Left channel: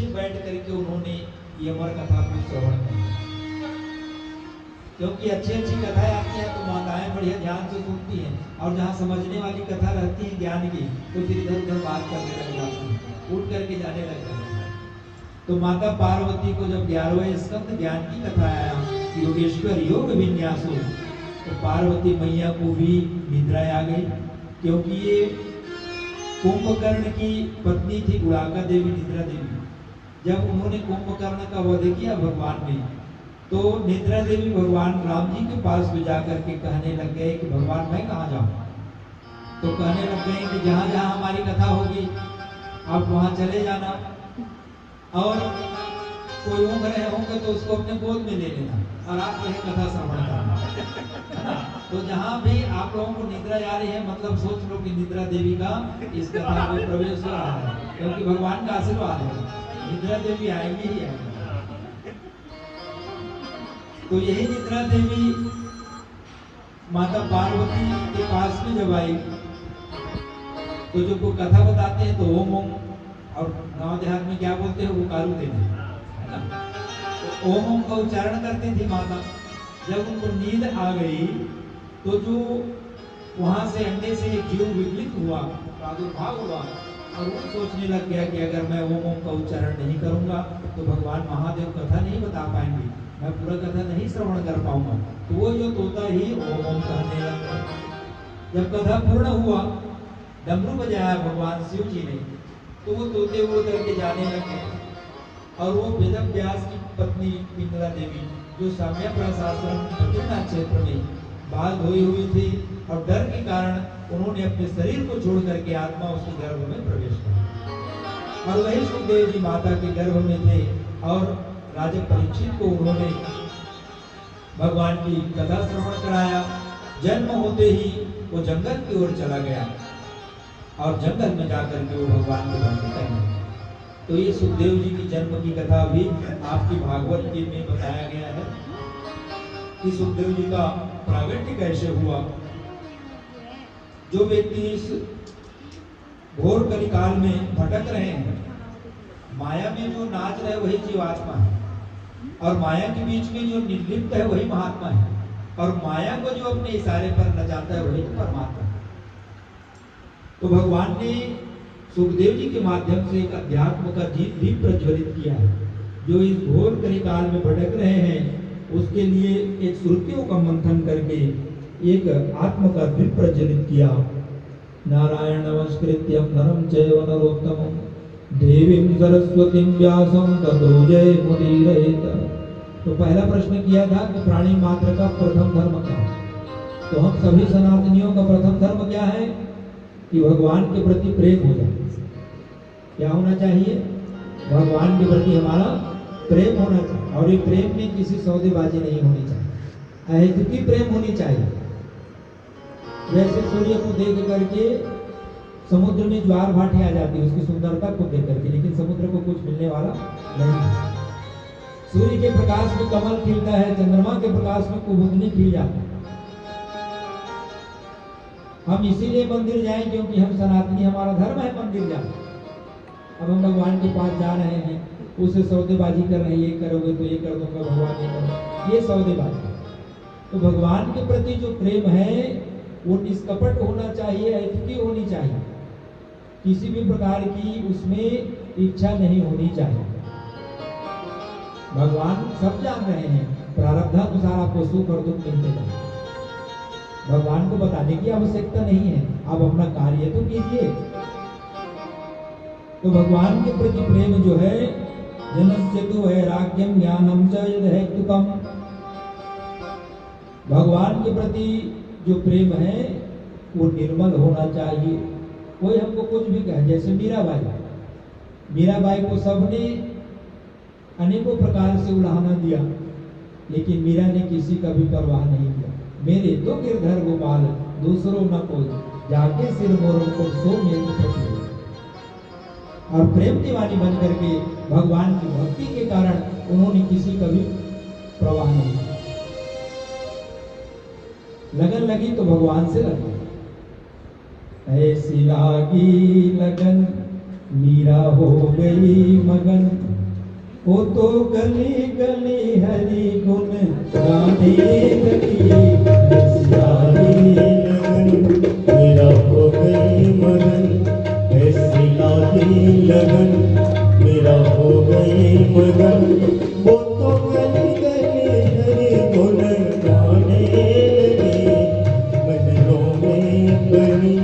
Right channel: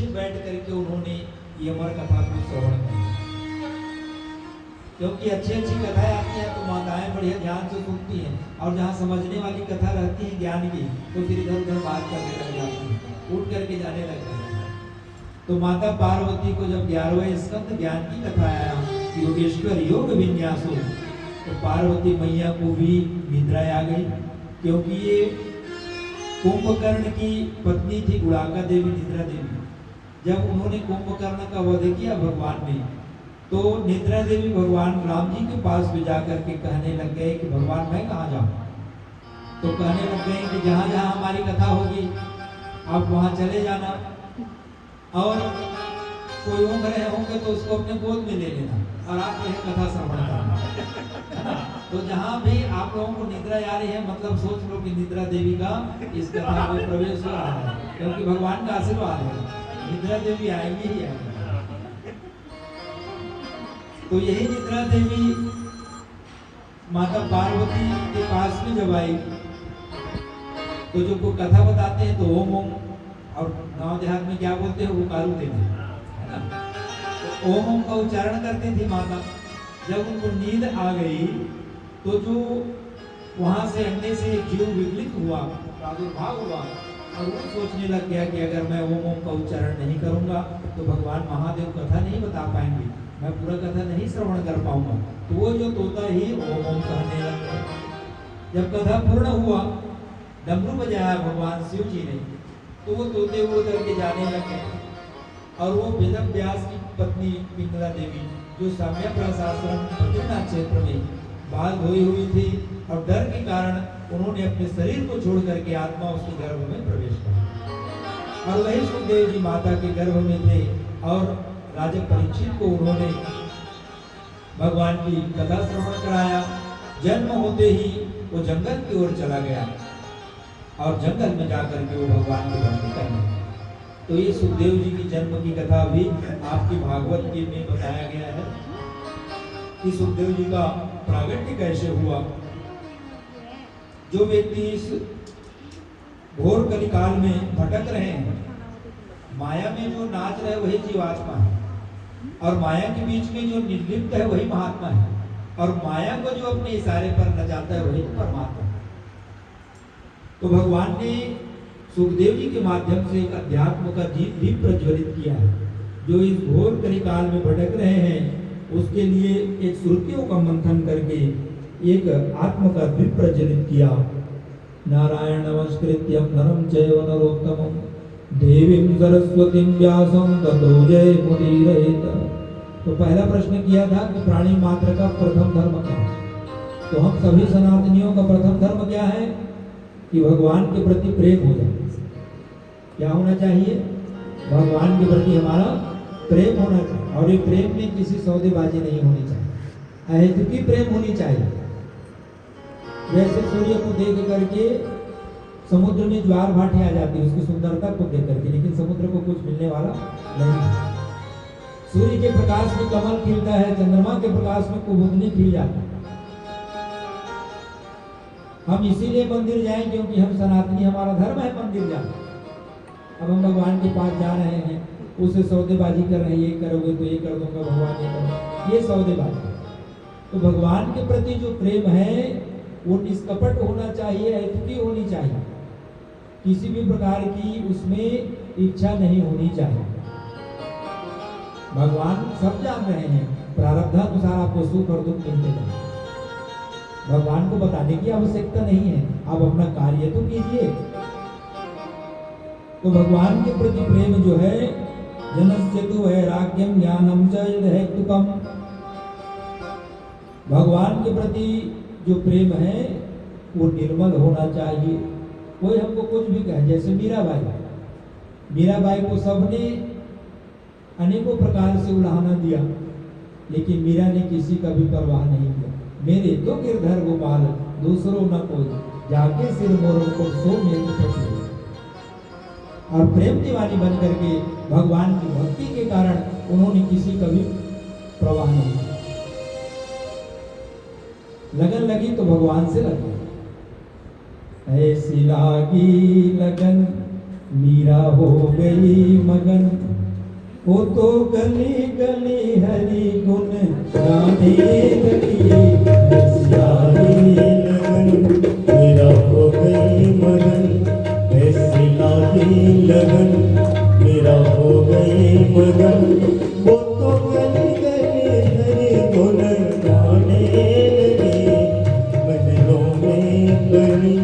निश्चित बैठ करके उन्होंने ये अमर कथा को श्रवण किया, क्योंकि अच्छी अच्छी कथाएं आती है तो माताएं बड़े ध्यान से सुनती हैं, और जहाँ समझने वाली कथा रहती है ज्ञान की तो फिर इधर उधर बात करने लग जाती है, उठ करके जाने लग जाती है। तो माता पार्वती को जब 11वें स्कंद ज्ञान की कथा आया कि योगेश्वर योग विन्यासो, तो पार्वती मैया को भी निद्रा आ गई, क्योंकि ये कुंभकर्ण की पत्नी थी गुड़ाका देवी, निद्रा देवी। जब उन्होंने कुंभकर्ण का वध किया भगवान ने, तो निद्रा देवी भगवान राम जी के पास में जाकर के कहने लग गए कि भगवान मैं कहाँ जाऊं? तो कहने लग गए कि जहां जहां हमारी कथा होगी आप वहां चले जाना, और कोई उम्र रहे होंगे तो उसको अपने गोद में ले लेना और आप वही कथा श्रवण करना। तो जहां भी आप लोगों को निद्रा आ रही है, मतलब सोच लो कि निद्रा देवी का इस कथा में प्रवेश हो रहा है, क्योंकि भगवान का आशीर्वाद है, निद्रा देवी आएंगी ही आएंगी। तो यही निद्रा देवी माता पार्वती के पास में जब आई, तो जो को कथा बताते हैं तो ओम ओम, और गाँव देहात में क्या बोलते हैं, वो कारू देते है ना, तो ओम ओम का उच्चारण करती थी माता। जब उनको नींद आ गई तो जो वहां से अंडे से एक जीव विकलित हुआ, प्रादुर्भाव हुआ, और वो सोचने लग गया कि अगर मैं ओम ओम का उच्चारण नहीं करूंगा तो भगवान महादेव कथा नहीं बता पाएंगे, मैं पूरा कथा नहीं श्रवण कर पाऊंगा। तो वो जो तोता ही ओम ओम कहने लगा। जब कथा पूर्ण हुआ, डमरू बजाया भगवान शिव जी ने, तो वो तोते उड़ करके जाने लगे, और वो वेदम व्यास की पत्नी पिंगला देवी, जो साम्य प्रशासन बद्रीनाथ क्षेत्र में बाल धोई हुई थी, और डर के कारण उन्होंने अपने शरीर को छोड़ करके आत्मा उसके गर्भ में प्रवेश किया, और वही सुखदेव जी माता के गर्भ में थे, और राजा परीक्षित को उन्होंने भगवान की कथा श्रवण कराया। जन्म होते ही वो जंगल की ओर चला गया, और जंगल में जाकर के वो भगवान की भक्ति करने। तो ये सुखदेव जी की जन्म की कथा भी आपकी भागवत के में बताया गया है कि सुखदेव जी का प्रागट्य कैसे हुआ। जो व्यक्ति इस घोर कलिकाल में भटक रहे हैं, माया में जो नाच रहे वही जीवात्मा है, और माया के बीच में जो निर्लिप्त है वही महात्मा है, और माया को जो अपने इशारे पर नचाता है वही परमात्मा है। तो भगवान ने सुखदेव जी के माध्यम से एक अध्यात्म का दीप प्रज्वलित किया है। जो इस घोर कलिकाल में भटक रहे हैं उसके लिए एक श्रुतियों का मंथन करके एक आत्म का दीप प्रज्वलित किया। नारायण नमस्कृत्यं नरं चैव नरोत्तमं देवीं सरस्वतीं व्यासं ततो जयमुदीरयेत्। तो पहला प्रश्न किया था कि प्राणी मात्र का प्रथम धर्म क्या है? तो हम सभी सनातनियों का प्रथम धर्म क्या है कि भगवान के प्रति प्रेम हो जाए। क्या होना चाहिए? भगवान के प्रति हमारा प्रेम होना चाहिए, और ये प्रेम में किसी सौदेबाजी नहीं होनी चाहिए, अहेतुकी प्रेम होनी चाहिए। जैसे सूर्य को देख करके समुद्र में ज्वार भाटी आ जाती है उसकी सुंदरता को देख करके, लेकिन समुद्र को कुछ मिलने वाला नहीं। सूर्य के प्रकाश में कमल खिलता है, चंद्रमा के प्रकाश में कुमुदनी खिल जाती है। हम इसीलिए मंदिर जाएं क्योंकि हम सनातनी, हमारा धर्म है मंदिर जाना। अब हम भगवान के पास जा रहे हैं, उससे सौदेबाजी कर रहे हैं, ये करोगे तो ये कर दूंगा भगवान, ये सौदेबाजी। तो भगवान के प्रति जो प्रेम है वो निष्कपट होना चाहिए, अहेतुकी होनी चाहिए, किसी भी प्रकार की उसमें इच्छा नहीं होनी चाहिए। भगवान सब जान रहे हैं, प्रारब्धानुसार आपको सुख और दुख मिलते हैं, भगवान को बताने की आवश्यकता नहीं है, आप अपना कार्य तो कीजिए। तो भगवान के प्रति प्रेम जो है, जनस्य तु वैराग्यम ज्ञानम च यदहेतुकम, भगवान के प्रति जो प्रेम है वो निर्मल होना चाहिए। कोई हमको कुछ भी कहे, जैसे मीराबाई को सबने अनेकों प्रकार से उड़ाना दिया, लेकिन मीरा ने किसी का भी परवाह नहीं किया। मेरे तो गिरधर गोपाल दूसरों न कोई, जाके सिर मोरों को सो मेरी पति। और प्रेम दीवानी बन करके भगवान की भक्ति के कारण उन्होंने किसी का भी परवाह नहीं किया। लगन लगी तो भगवान से लगी, ऐसी लागी लगन मीरा हो गई मगन, वो तो गली गली हरि गुण गाने लगी सारी लगन मेरा हो गई मगन, ऐसी लागी लगन मेरा हो गई मगन। वो तो गली गली हरि गुण गाने लगी, महलों में बनी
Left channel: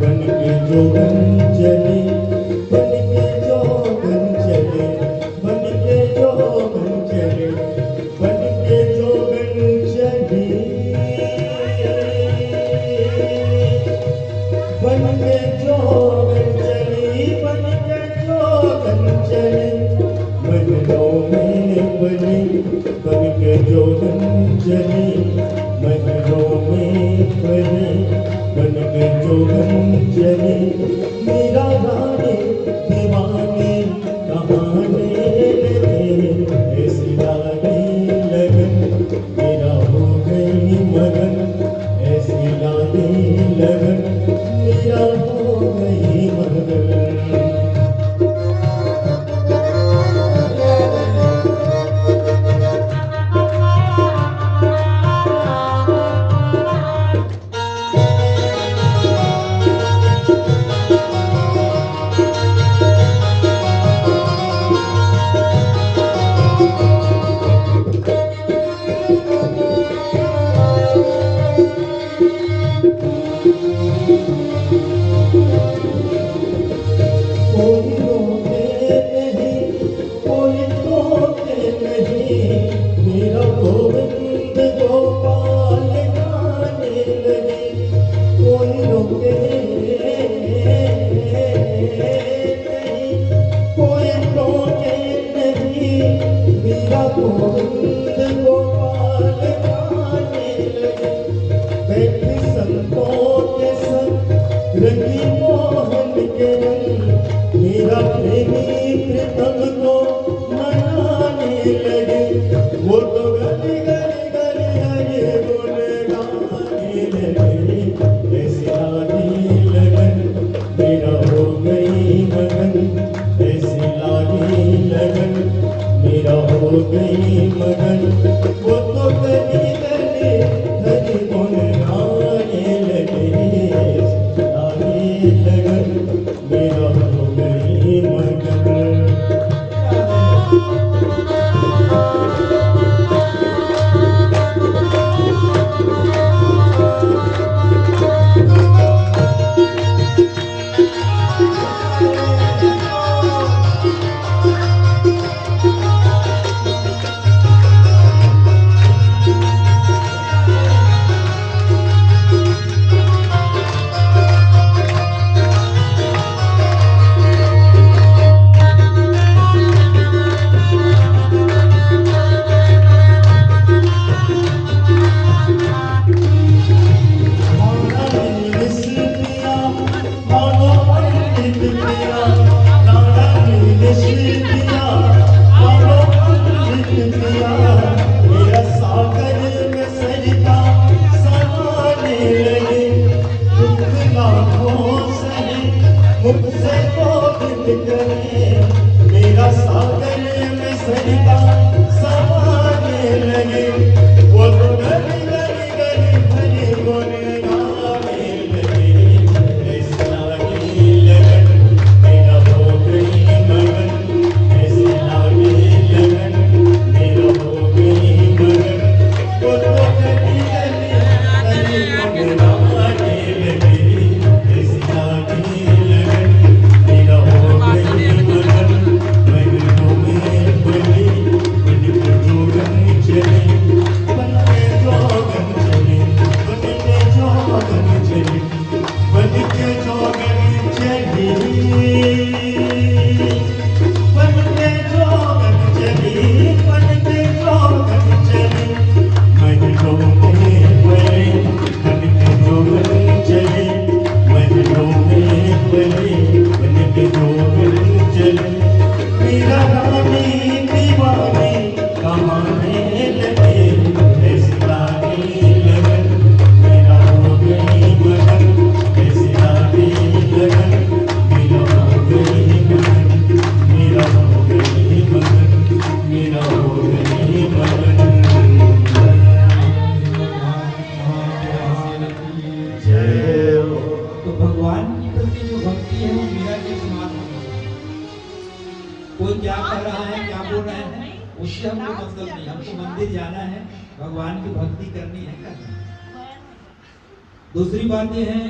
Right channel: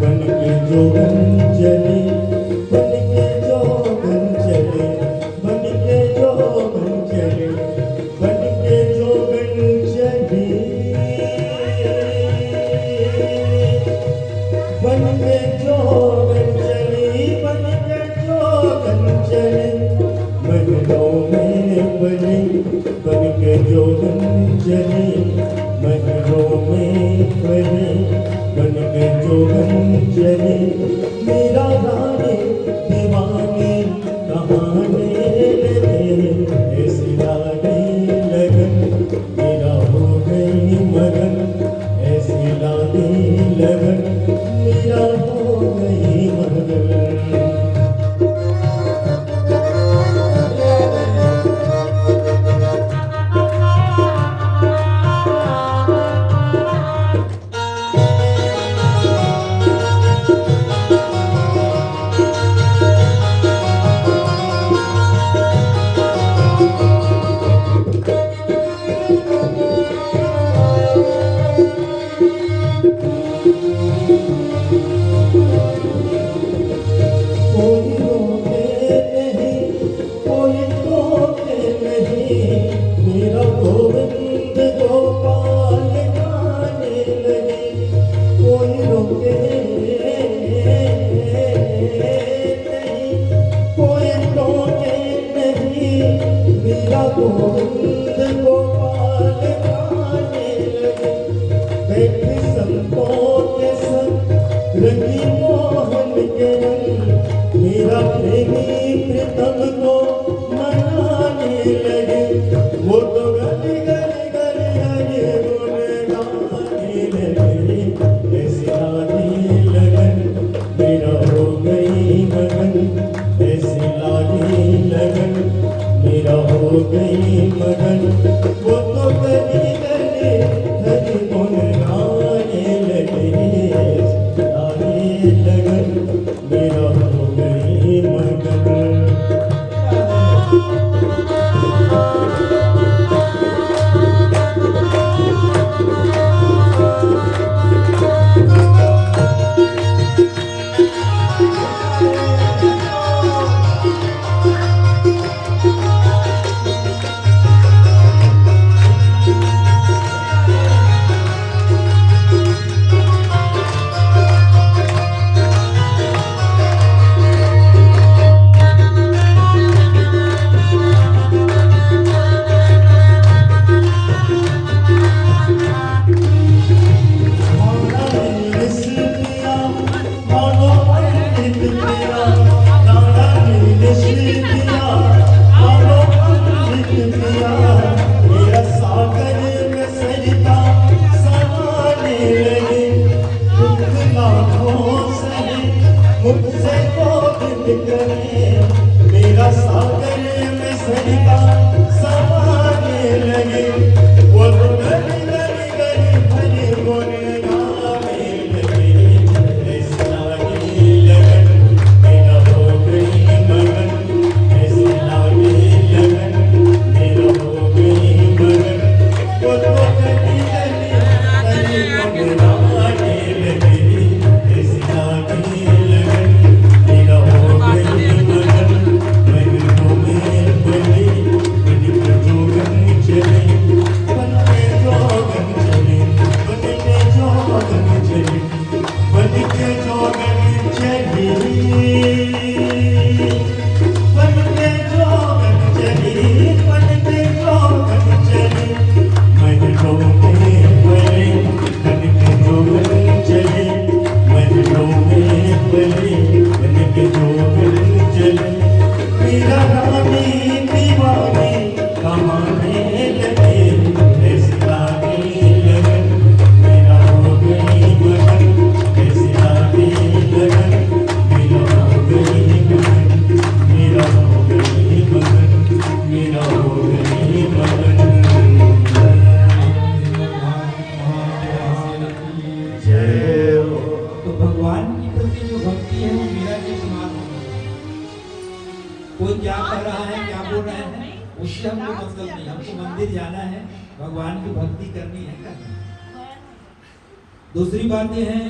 बन के जोगन चली, बन के जोगन चले, बन के जोगन चले, बन के जोगन चली, बन के जोगन चली, बन के जोगन चले, महलों में बनी बन के जोगन चली, महलों में बनी बन के जोगन चले। मेरा रानी दीवानी कहाने लगे, ऐसी लागी लगन मेरा हो गई मगन, ऐसी लागी लगन मेरा हो गई मगन। कोई रोके नहीं, कोई टोके नहीं, मेरा गोविंद गोपाल गाने लगे। कोई रोके नहीं, कोई टोके नहीं, मेरा गोविंद गोपाल गाने लगे। बैठी संतों के संग रंगी मोहन के रंग, मेरा प्रेमी प्रीतम को मनाने लगे। वो तो गली गली गली गली बोले गाने लगे, ऐसी लागी लगन मेरा हो गई मगन, ऐसी लागी लगन मेरा हो गई मगन। वो तो गली गली गली बोले गाने लगे, ऐसी लागी लगन मेरा हो गई मगन। कोई क्या कर रहा है, क्या बोल रहे हैं, उससे हमको मतलब नहीं। हमको मंदिर जाना है, भगवान की भक्ति करनी है, करनी है। दूसरी बात यह है,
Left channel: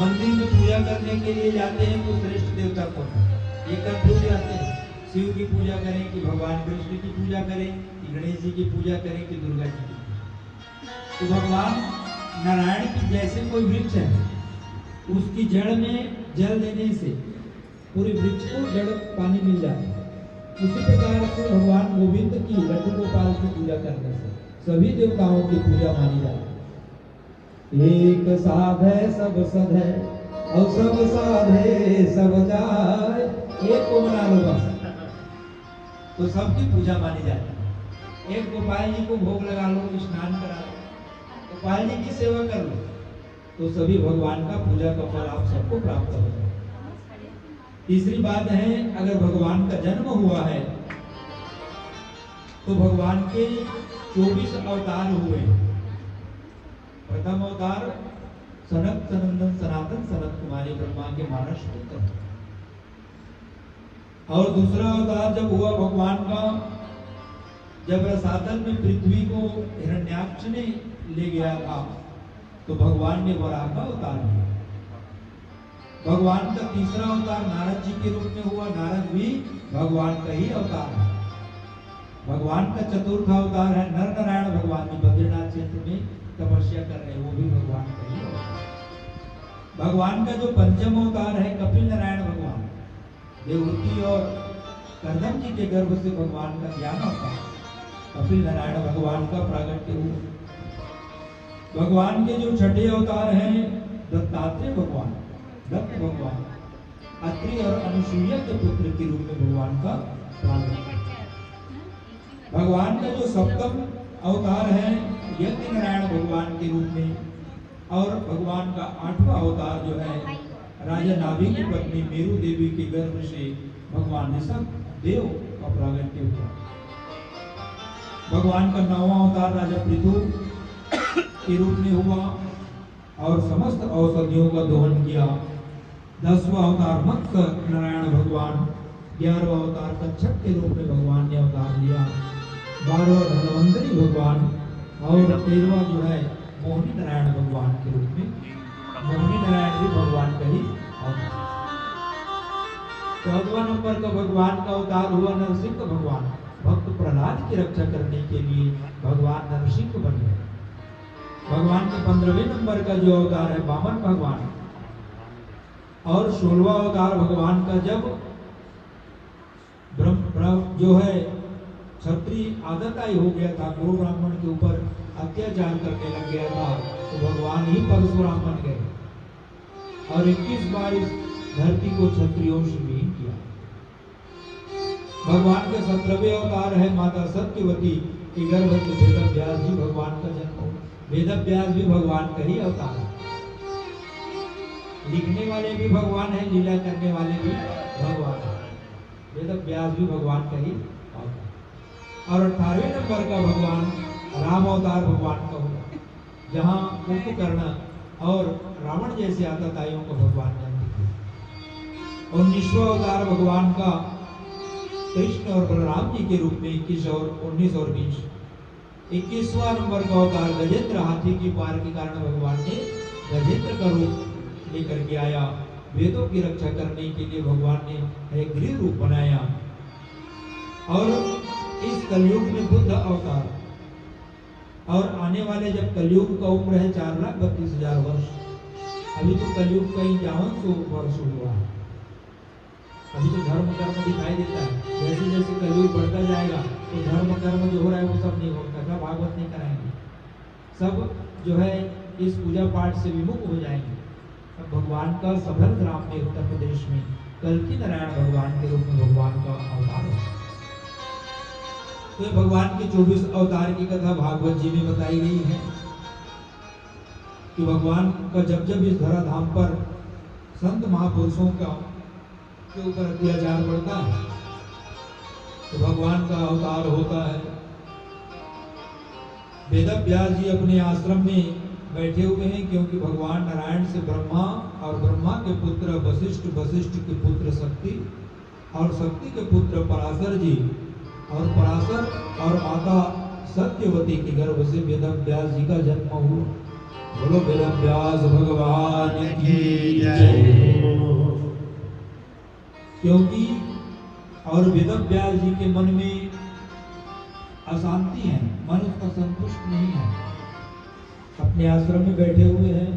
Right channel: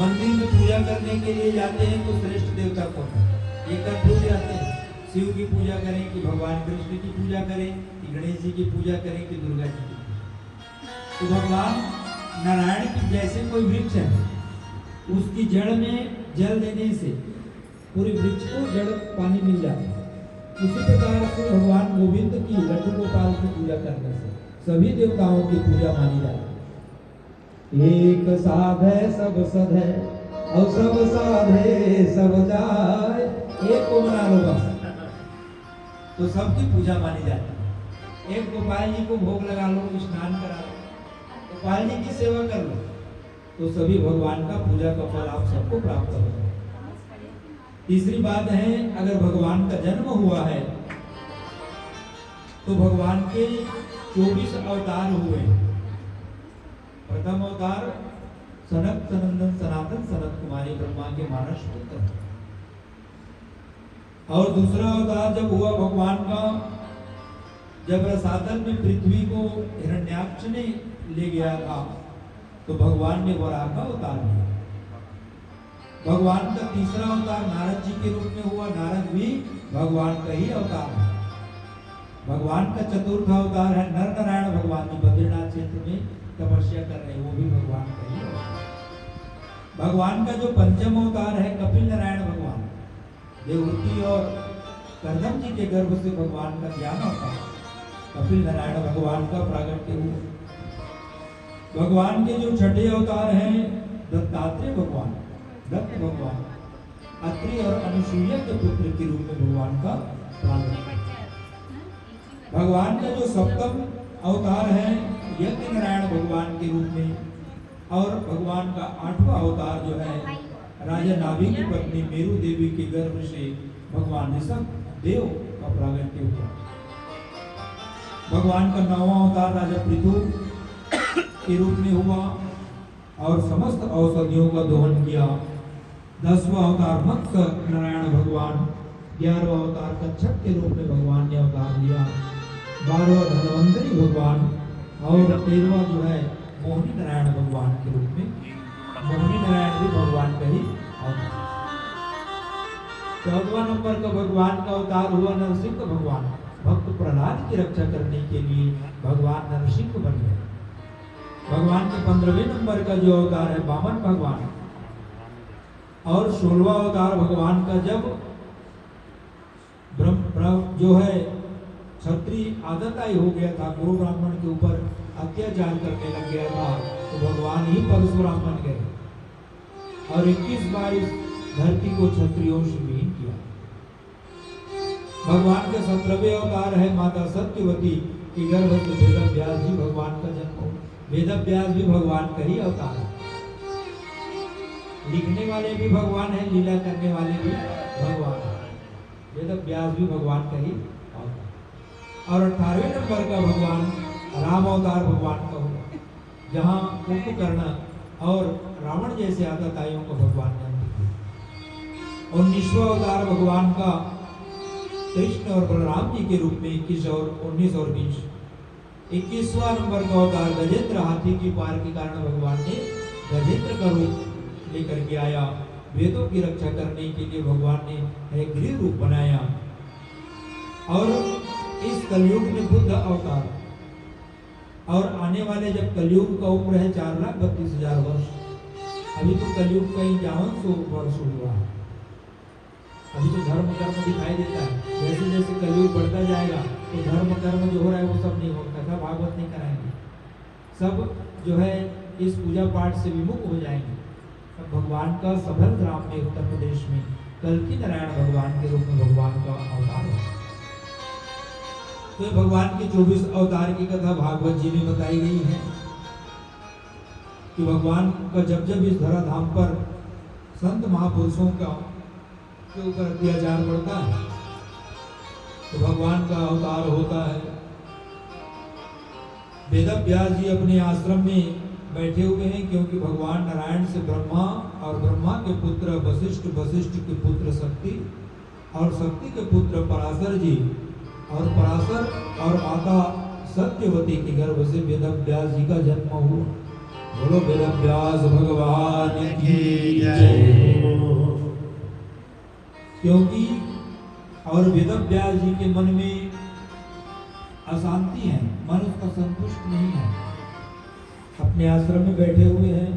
मंदिर में पूजा करने के लिए जाते हैं तो श्रेष्ठ देवता कौन है? एक भूल जाते हैं, शिव की पूजा करें कि भगवान कृष्ण की पूजा करें कि गणेश जी की पूजा करें कि दुर्गा जी की। तो भगवान नारायण की जैसे कोई वृक्ष है, उसकी जड़ में जल देने से पूरी वृक्ष को जड़ पानी मिल जाता है। उसी प्रकार से भगवान गोविंद की, लड्डू गोपाल की पूजा करने से सभी देवताओं की पूजा मानी जाती है। एक साध है सब सद है और सब साधे सब जाए, एक को बना लो बस, तो सबकी पूजा मानी जाती है। एक गोपाल जी को भोग लगा लो, स्नान करा लो, गोपाल जी की सेवा कर लो, तो सभी भगवान का पूजा का फल आप सबको प्राप्त होगा। तीसरी बात है, अगर भगवान का जन्म हुआ है तो भगवान के 24 अवतार हुए। प्रथम अवतार सनक सनंदन सनातन सनत कुमारी ब्रह्मा के मानस पुत्र, और दूसरा अवतार जब हुआ भगवान का, जब रसातल में पृथ्वी को हिरण्याक्ष ने ले गया था तो भगवान ने वराह का अवतार लिया। भगवान का तीसरा अवतार नारद जी के रूप में हुआ। नारद भी भगवान का ही अवतार है। भगवान का चतुर्थ अवतार है नर नारायण। भगवान जी बद्रीनाथ क्षेत्र में तपस्या कर रहे हैं, वो भी भगवान का ही अवतार। भगवान का जो पंचम अवतार है कपिल नारायण भगवान, देवहूति और कर्दम जी के गर्भ से भगवान का ज्ञान होता है। कपिल नारायण भगवान का प्रागट्य हुआ। भगवान के जो छठे अवतार हैं दत्तात्रेय भगवान, दत्त भगवान, अत्रि और अनुसुईया के पुत्र के रूप में भगवान का प्रागट्य। भगवान का जो सप्तम अवतार है यज्ञ नारायण भगवान के रूप में, और भगवान का 8वां अवतार जो है राजा नाभि की पत्नी मेरु देवी के गर्भ से भगवान ऋषभ देव का प्रागट्य हुआ। भगवान का 9वां अवतार राजा पृथु के रूप में हुआ और समस्त औषधियों का दोहन किया। 10वां अवतार मत्स्य नारायण भगवान, 11वां अवतार कच्छप के रूप में भगवान ने अवतार लिया। 12वां धनवंतरी भगवान और 13वां जो है मोहिनी नारायण भगवान के रूप में। मोहिनी नारायण भी भगवान का ही अवतार। 14वां नंबर का भगवान का अवतार हुआ नरसिंह भगवान। भक्त प्रहलाद की रक्षा करने के लिए भगवान नरसिंह बन गए। भगवान के 15वें नंबर का जो अवतार है वामन भगवान, और 16वां अवतार भगवान का जब ब्रह्म जो है क्षत्रिय आदताई हो गया था, गो ब्राह्मण के ऊपर अत्याचार करने लग गया था, तो भगवान ही परशुराम बन गए और 21 बार इस धरती को क्षत्रियों से विहीन किया। भगवान के 17वें अवतार है माता सत्यवती की गर्भ से वेद व्यास जी भगवान का जन्म हो। वेद व्यास भी भगवान का ही अवतार है। लिखने वाले भी भगवान है, लीला करने वाले भी भगवान है। वेद व्यास भी भगवान का ही अवतार। और 18वें नंबर का भगवान राम अवतार भगवान का होगा, जहाँ कुंभकर्ण और रावण जैसे आतताइयों को भगवान बनते थे। 19वां अवतार भगवान का कृष्ण और बलराम जी के रूप में 21 और 19 और 20। 21वां नंबर का अवतार गजेंद्र, हाथी की पार के कारण भगवान ने गजेंद्र का रूप लेकर के आया। वेदों की रक्षा करने के लिए भगवान ने एक गृह रूप बनाया। और इस कलयुग में बुद्ध अवतार, और आने वाले जब कलयुग का उम्र है 4,32,000 वर्ष, अभी तो कलयुग का 51 वर्ष हुआ है। अभी तो धर्म कर्म दिखाई देता है। जैसे जैसे कलयुग बढ़ता जाएगा तो धर्म कर्म जो हो रहा है वो सब नहीं होगा, कथा भागवत नहीं कराएंगे, सब जो है इस पूजा पाठ से विमुख हो जाएंगे। भगवान का सफल ग्राम में उत्तर प्रदेश में कल्कि नारायण भगवान के रूप में भगवान का अवतार है। तो भगवान के 24 अवतार की कथा भागवत जी में बताई गई है कि भगवान का जब जब इस धराधाम पर संत महापुरुषों का के ऊपर अत्याचार बढ़ता है तो भगवान का अवतार होता है। वेद व्यास जी अपने आश्रम में बैठे हुए हैं, क्योंकि भगवान नारायण से ब्रह्मा और ब्रह्मा के पुत्र वशिष्ठ, वशिष्ठ के पुत्र शक्ति और शक्ति के पुत्र पराशर जी और पराशर और माता सत्यवती के गर्भ से वेदव्यास जी का जन्म हुआ। बोलो वेदव्यास भगवान की जय। क्योंकि और वेदव्यास जी के मन में अशांति है, मन उसका संतुष्ट नहीं है, अपने आश्रम में बैठे हुए हैं।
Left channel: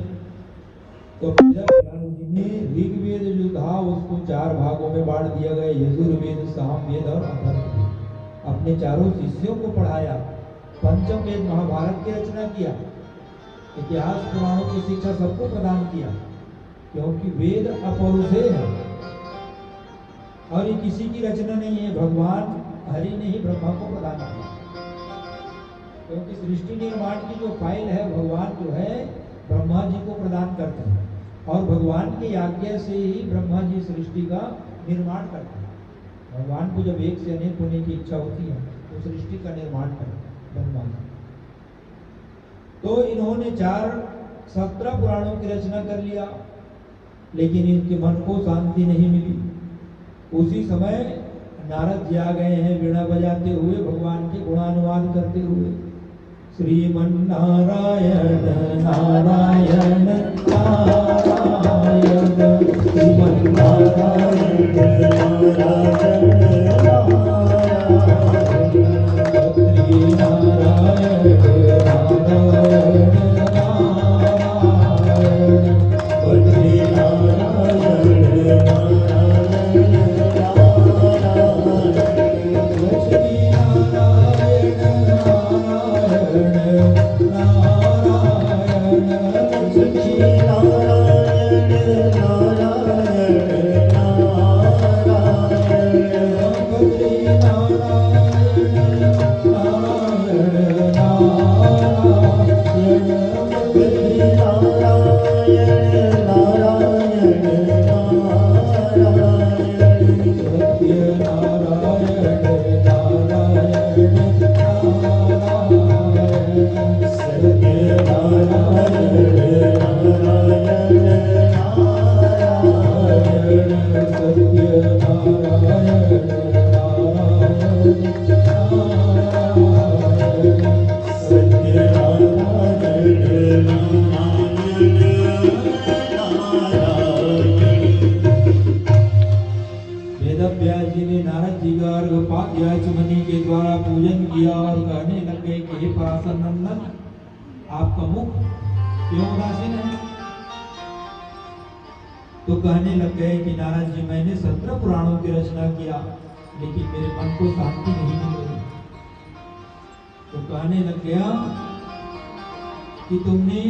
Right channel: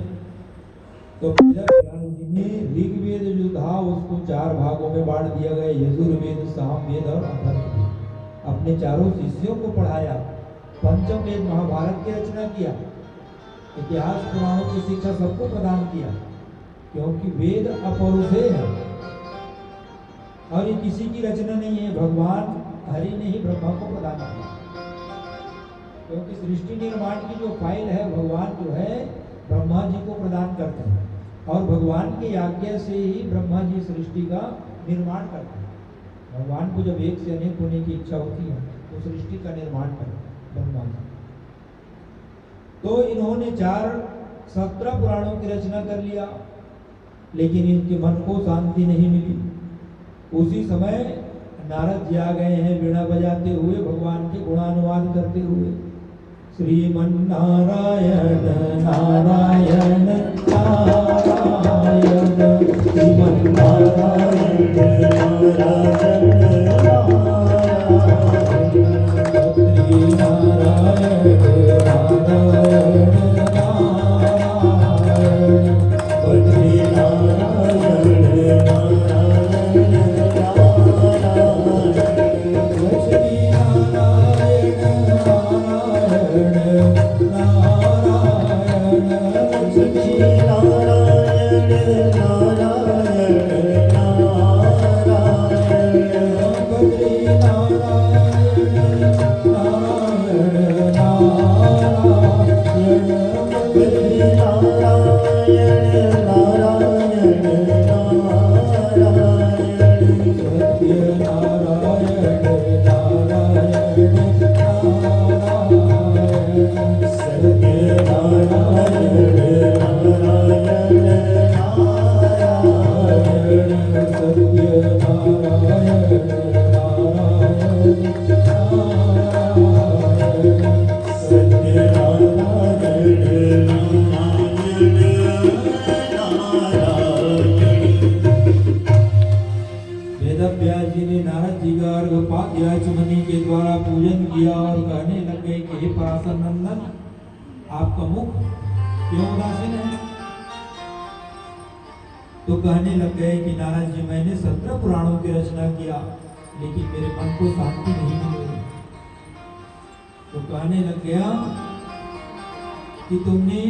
तो वेदव्यास जी ने ऋग्वेद जो था उसको 4 भागों में बांट दिया गया, यजुर्वेद, सामवेद और अथर्ववेद। अपने चारों शिष्यों को पढ़ाया, पंचम वेद महाभारत की रचना किया, इतिहास पुराणों की शिक्षा सबको प्रदान किया। क्योंकि वेद अपौरुषेय है और ये किसी की रचना नहीं है, भगवान हरि ने ही ब्रह्मा को प्रदान किया। क्योंकि सृष्टि निर्माण की जो फाइल है भगवान जो है ब्रह्मा जी को प्रदान करते हैं और भगवान की आज्ञा से ही ब्रह्मा जी सृष्टि का निर्माण करते हैं। भगवान को जब एक से अनेक होने की इच्छा होती है तो सृष्टि का निर्माण करते हैं ब्रह्मा जी। तो इन्होंने 17 पुराणों की रचना कर लिया, लेकिन इनके मन को शांति नहीं मिली। उसी समय नारद जी आ गए हैं वीणा बजाते हुए, भगवान के गुणानुवाद करते हुए। श्रीमन्नारायण नारायण नारायण श्रीमन्नारायण आपका मुख क्यों उदासीन है? तो कहने लग गए कि नारायण जी मैंने 17 पुराणों की रचना किया, लेकिन मेरे मन को शांति नहीं मिल रही। तो कहने लग गया कि तुमने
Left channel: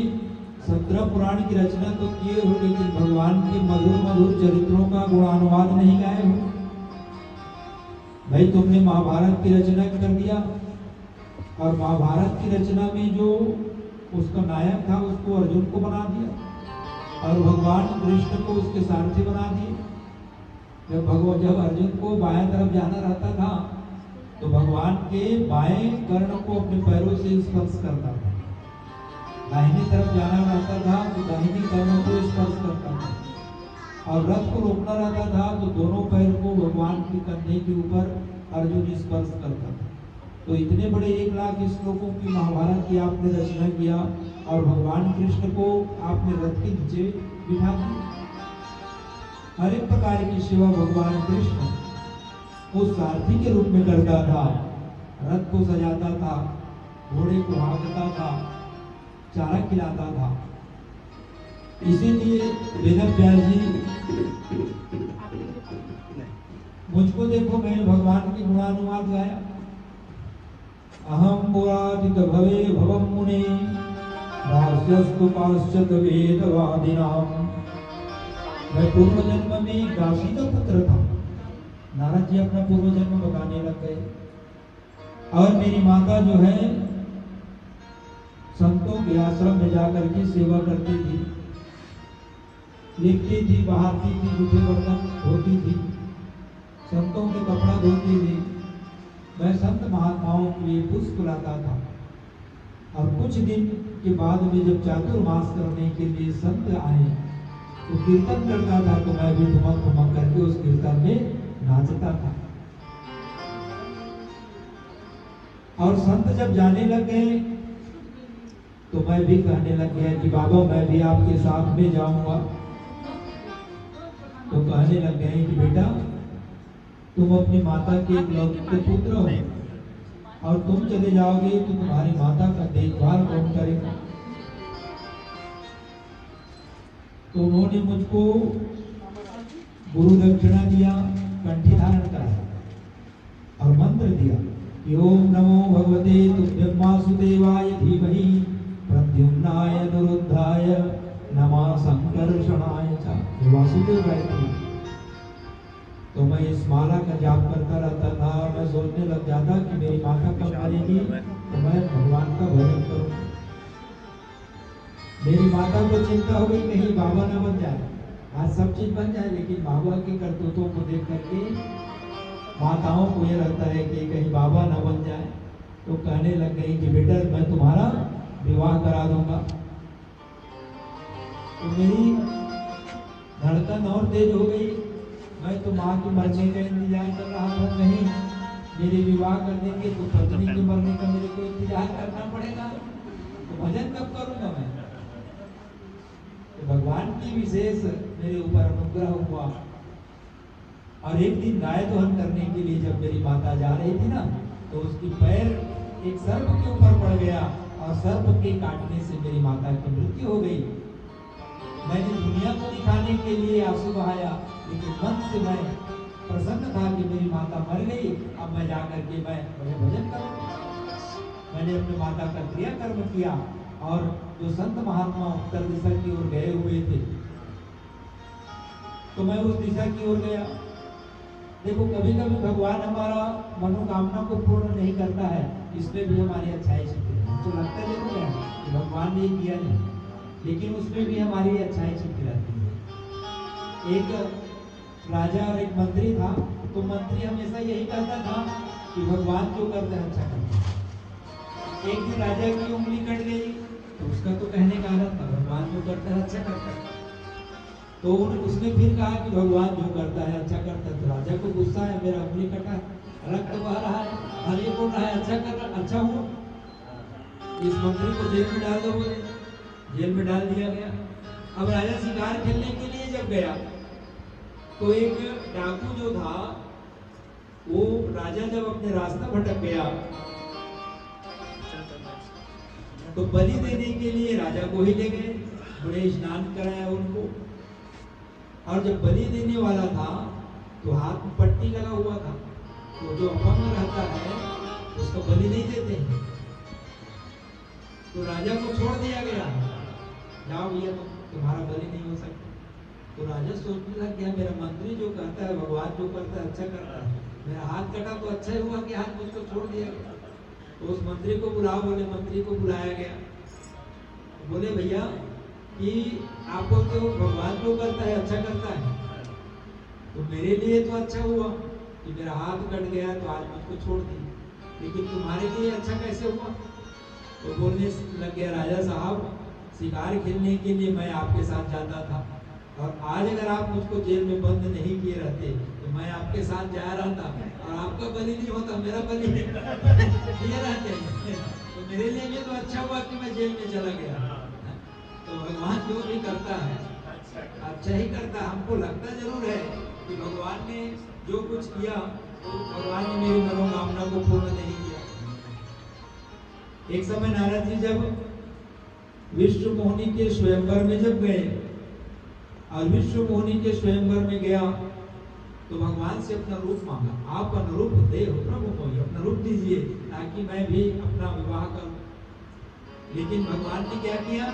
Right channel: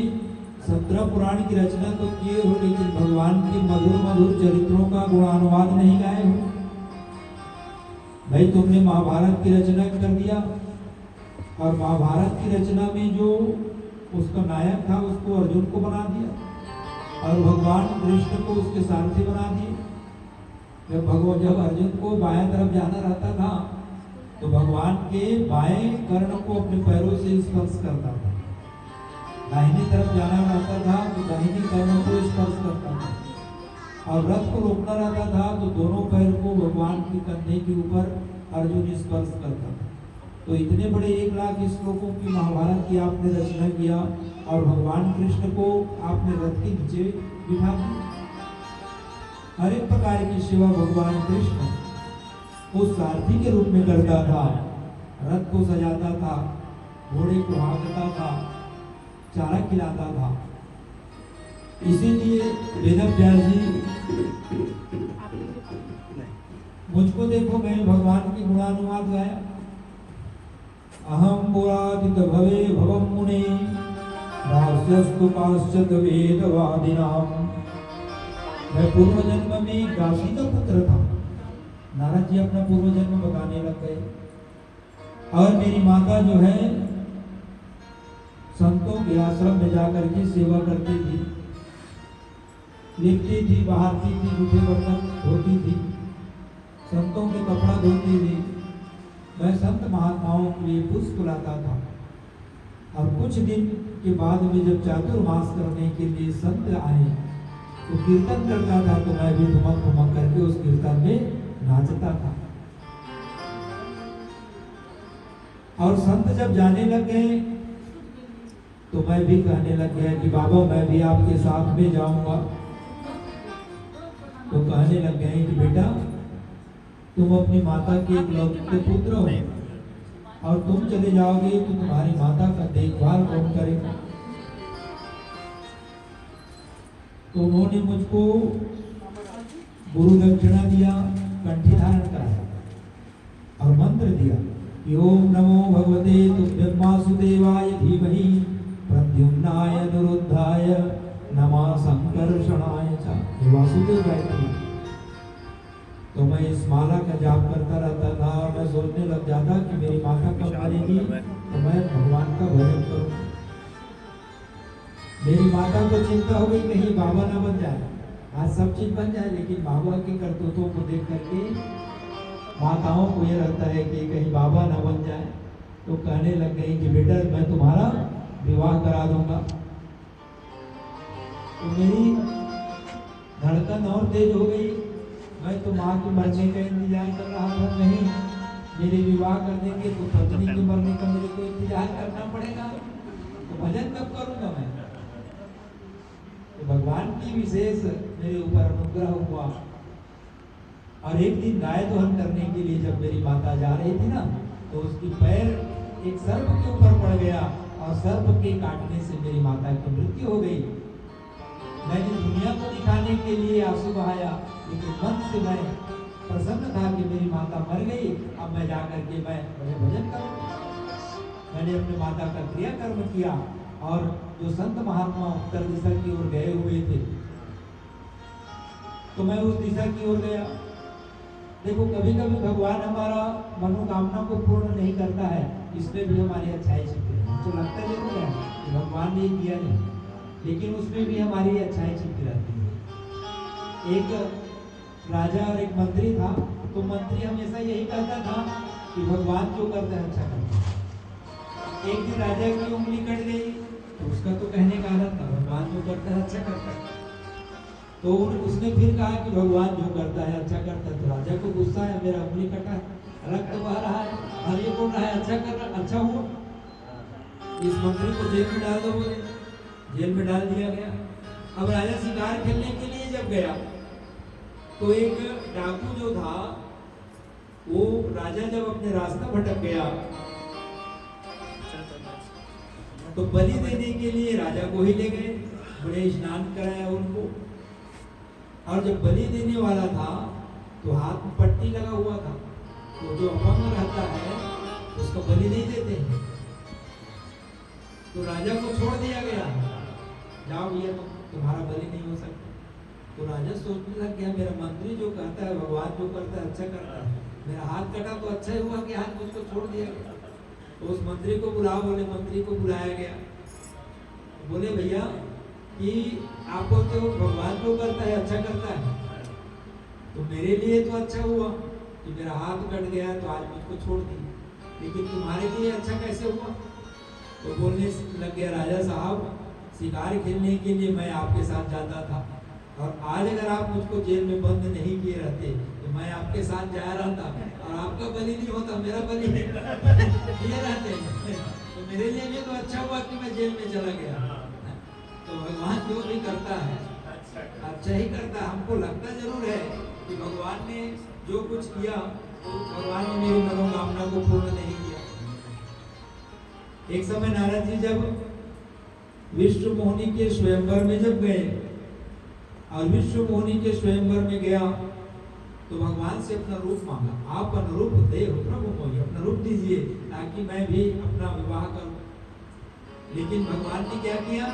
17 पुराण की रचना तो किए हो, लेकिन भगवान के मधुर मधुर चरित्रों का गुणानुवाद नहीं गाए हो। भाई तुमने महाभारत की रचना कर दिया और महाभारत की रचना में जो उसका नायक था उसको अर्जुन को बना दिया और भगवान कृष्ण को उसके सारथी बना दिए। जब अर्जुन को बाएं तरफ जाना रहता था तो भगवान के बाएं कर्ण को अपने पैरों से स्पर्श करता था, दाहिनी तरफ जाना रहता था तो दाहिनी कर्ण को स्पर्श करता था, और रथ को रोकना रहता था तो दोनों पैर को भगवान के कंधे के ऊपर अर्जुन स्पर्श करता था। तो इतने बड़े 1 लाख श्लोकों की महाभारत की आपने रचना किया और भगवान कृष्ण को आपने रथ के नीचे बिठा दिया। हर एक प्रकार की सेवा भगवान कृष्ण उस सारथी के रूप में करता था, रथ को सजाता था, घोड़े को हाँकता था, चारा खिलाता था। इसीलिए वेदव्यास जी मुझको देखो, मैंने भगवान की गुणानुवाद गाया। अहम पुरादित भवे भवम मुने भाष्यस्तु काश्चित् वेदवादिनाम। मैं पूर्व जन्म में दासी का पुत्र था। नारद जी अपना पूर्व जन्म बताने लग गए। और मेरी माता जो है संतों के आश्रम में जाकर के सेवा करती थी, लिखती थी, बहाती थी, जूठे बर्तन धोती थी, संतों के कपड़े धोती थी। मैं संत महात्माओं के लिए पुष्प लाता था। और कुछ दिन के बाद में जब चातुर्मास करने के लिए संत आए तो कीर्तन करता था, तो मैं भी ठुमक ठुमक करके उस कीर्तन में नाचता था। और संत जब जाने लग गए तो मैं भी कहने लग गया कि बाबा मैं भी आपके साथ में जाऊंगा। तो कहने लग गए कि बेटा तुम अपनी माता के इकलौते पुत्र हो और तुम चले जाओगे तो तुम्हारी माता का देखभाल कौन करेगा। तो उन्होंने मुझको गुरु दक्षिणा दिया, कंठी धारण कराया और मंत्र दिया, ओम नमो भगवते तुभ्यं वासुदेवाय धीमहि प्रद्युम्नाय अनिरुद्धाय नमः संकर्षणाय च। ये वासुदेव गायत्री। तो मैं इस माला का जाप करता रहता था और मैं सोचने लग जाता कि मेरी माता कब मरेगी तो मैं भगवान का भजन करूं। मेरी माता को चिंता होगी कहीं बाबा ना बन जाए। आज सब चीज बन जाए लेकिन बाबा के करतूतों को देख करके माताओं को ये लगता है कि कहीं बाबा ना बन जाए। तो कहने लग गई कि बेटा मैं तुम्हारा विवाह करा दूंगा। तो मेरी धड़कन और तेज हो गई। मैं तो माँ के मरने का इंतजार कर रहा था, नहीं मेरे विवाह कर देंगे तो पत्नी के मरने का मेरे को इंतजार करना पड़ेगा, तो भजन कब करूंगा मैं। तो भगवान की विशेष मेरे ऊपर अनुग्रह हुआ। और एक दिन गाय दोहन करने के लिए जब मेरी माता जा रही थी ना तो उसकी पैर एक सर्प के ऊपर पड़ गया और सर्प के काटने से मेरी माता की मृत्यु हो गई। मैंने दुनिया को दिखाने के लिए आंसू बहाया लेकिन मन से मैं प्रसन्न था कि मेरी माता मर गई। अब मैं जाकर के मैं भजन करूं। मैंने अपनी माता का क्रियाकर्म किया और जो संत महात्मा उत्तर दिशा की ओर गए हुए थे तो मैं उस दिशा की ओर गया। देखो कभी कभी भगवान हमारा मनोकामना को पूर्ण नहीं करता है, इसमें भी हमारी अच्छाई छिपी है। तो लगता जरूर है कि भगवान ने किया नहीं, लेकिन उसमें भी हमारी अच्छाई छिपी रहती है। एक राजा और एक मंत्री था, तो मंत्री हमेशा यही कहता था कि भगवान जो करते हैं अच्छा करते हैं। एक दिन राजा की उंगली कट गई तो उसका तो कहने का अर्थ था भगवान जो करता है अच्छा करता है। तो उसने फिर कहा कि भगवान जो करता है अच्छा करता है। तो राजा को गुस्सा है, मेरा उंगली कटा है, रक्त बह रहा है, हर ये बोल रहा है अच्छा कर रहा, अच्छा हुआ। इस मंत्री को जेल में डाल दो, बोले जेल में डाल दिया गया। अब राजा शिकार खेलने के लिए जब गया तो एक डाकू जो था वो राजा जब अपने रास्ता भटक गया तो बलि देने के लिए राजा को ही ले गए, बड़े स्नान कराया उनको। और जब बलि देने वाला था तो हाथ में पट्टी लगा हुआ था, तो जो अपंग रहता है उसको बलि नहीं देते। तो राजा को छोड़ दिया गया, जाओ भैया तुम्हारा बलि नहीं हो सकता। तो राजा सोचने लग गया मेरा मंत्री जो कहता है भगवान जो करता है अच्छा करता है, मेरा हाथ कटा तो अच्छा हुआ कि हाथ मुझको छोड़ दिया गया। तो उस मंत्री को बुलाओ, बोले मंत्री को बुलाया गया। बोले भैया कि आपको तो भगवान जो करता है अच्छा करता है, तो मेरे लिए तो अच्छा हुआ कि मेरा हाथ कट गया तो आज मुझको छोड़ दी, लेकिन तुम्हारे लिए अच्छा कैसे हुआ। तो बोलने लग गया राजा साहब शिकार खेलने के लिए मैं आपके साथ जाता था और आज अगर आप मुझको जेल में बंद नहीं किए रहते तो मैं आपके साथ जाया रहता और आपका बलि नहीं होता, मेरा बलि नहीं रहते। तो मेरे लिए भी तो अच्छा हुआ कि मैं जेल में चला गया। तो भगवान जो भी करता है अच्छा ही करता है। हमको लगता जरूर है कि भगवान ने जो कुछ किया तो भगवान ने मेरी मनोकामना को पूर्ण नहीं किया। एक समय नारद जी जब विश्व मोहिनी के स्वयंवर में जब गए और विश्व मोहिनी के स्वयंवर में गया तो भगवान से अपना रूप मांगा, आप अनुरूप दे हो प्रभु मोहि, अपना रूप दीजिए ताकि मैं भी अपना विवाह करूं। लेकिन भगवान ने क्या किया,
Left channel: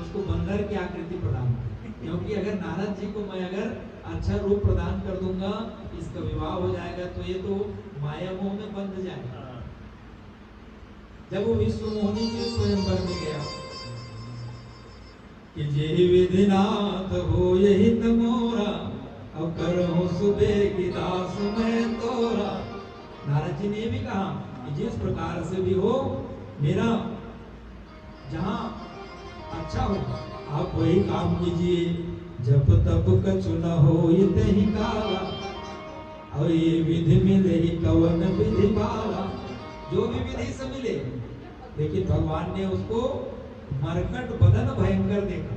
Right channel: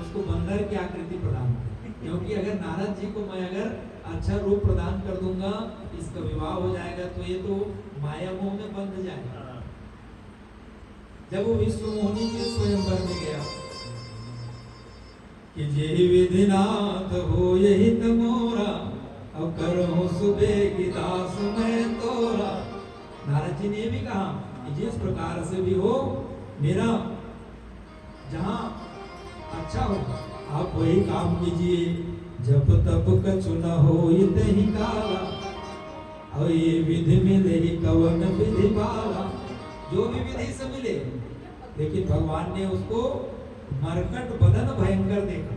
उसको बंदर की आकृति प्रदान की, क्योंकि अगर नारद जी को मैं अगर अच्छा रूप प्रदान कर दूंगा इसका विवाह हो जाएगा तो ये तो माया मोह में बंध जाएगा। जब वो विश्व मोहिनी के स्वयंवर में गया कि जे विधिनाथ हो यही तमोरा अब करहूं सुबह की दास मैं तोरा। नारद जी ने भी कहा कि जिस प्रकार से भी हो मेरा जहां अच्छा हो आप वही काम कीजिए, जब तब कछु न हो ही काला। और ये विधि मिले ही कवन विधि वाला, जो भी विधि से मिले, लेकिन भगवान ने उसको मरकट बदन भयंकर देखा।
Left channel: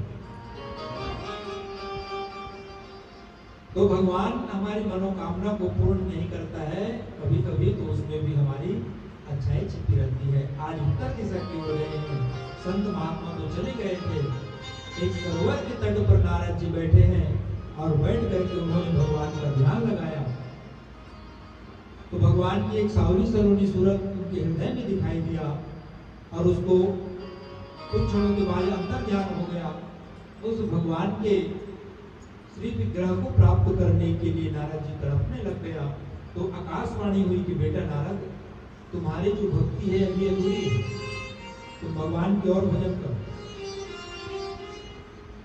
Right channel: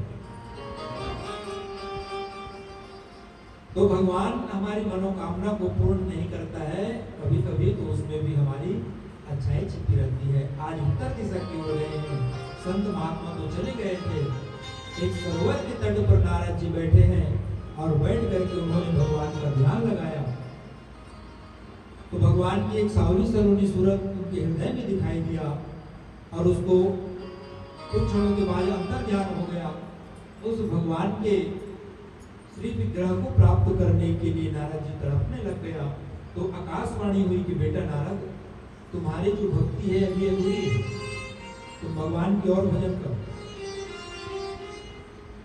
तो भगवान हमारी मनोकामना को पूर्ण नहीं करता है, कभी कभी तो उसमें भी हमारी अच्छाई छिपी रहती है। आज उत्तर दिशा की ओर गए हैं, संत महात्मा तो चले गए थे, एक सरोवर के तट पर नारद जी बैठे हैं और बैठ करके उन्होंने भगवान का ध्यान लगाया। तो भगवान की एक सावली सलोनी सूरत उनके हृदय में दिखाई दिया और उसको कुछ क्षणों के बाद अंतर ध्यान हो गया। उस भगवान के श्री विग्रह को प्राप्त करने के लिए नारद जी तड़पने लग गया। तो आकाशवाणी हुई कि बेटा नारद, तुम्हारी जो भक्ति है अभी अधूरी है, तुम भगवान की और भजन करो।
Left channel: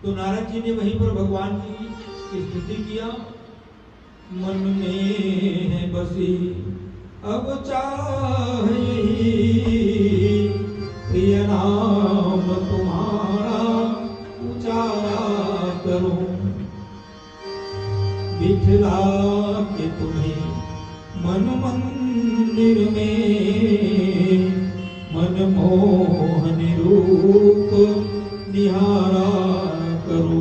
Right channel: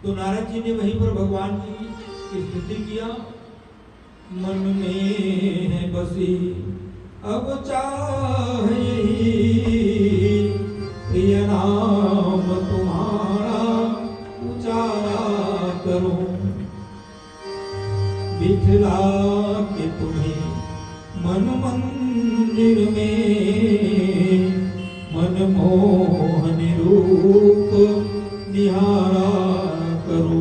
तो नारद जी ने वहीं पर भगवान की स्तुति किया। मन में है बसी अब चाहे प्रिय नाम तुम्हारा उचारा करूं, बिठला के तुम्हें मन मंदिर में मनमोहन रूप निहारा करो।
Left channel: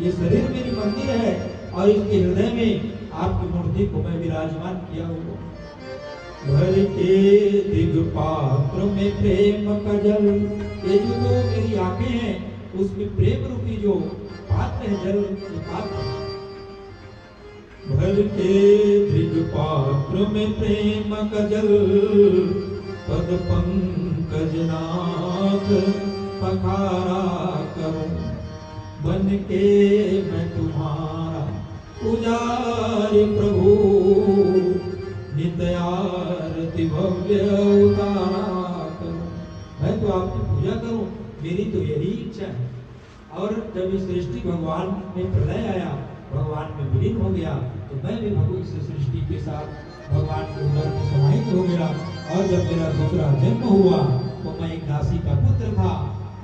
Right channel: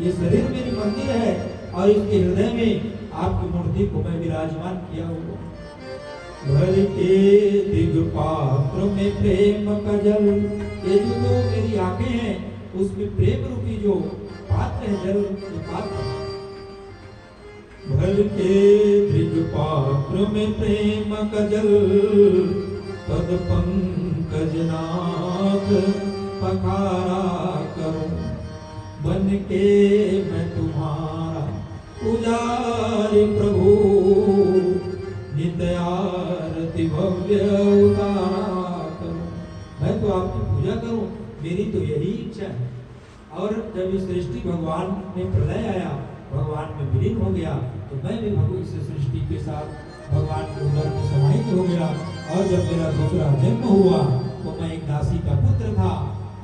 ये शरीर मेरी मंदिर है और इसके हृदय में आपकी मूर्ति को मैं विराजमान किया हूँ। भर के दिगपात्र में प्रेम का जल, ये जो मेरी आंखें हैं उसमें प्रेम रूपी जो पात्र है, जल पात्र। भर के दिगपात्र में प्रेम का जल, पद पंकज नाथ पखारा करूं। बन के मैं तुम्हारा पुजारी प्रभु, नित्य आरती भव्य उतारा करूं। मैं तो आपकी पूजा करूं, मेरी तो यही इच्छा है। और जब इस सृष्टि भगवान में प्रलय आया, भगवान में विलीन हो गया, तो मैं भी भगवान से सृष्टि के साथ भगवान के उदर में समाहित हो गया। और जब मेरा दूसरा जन्म हुआ तो मैं एक दासी का पुत्र था,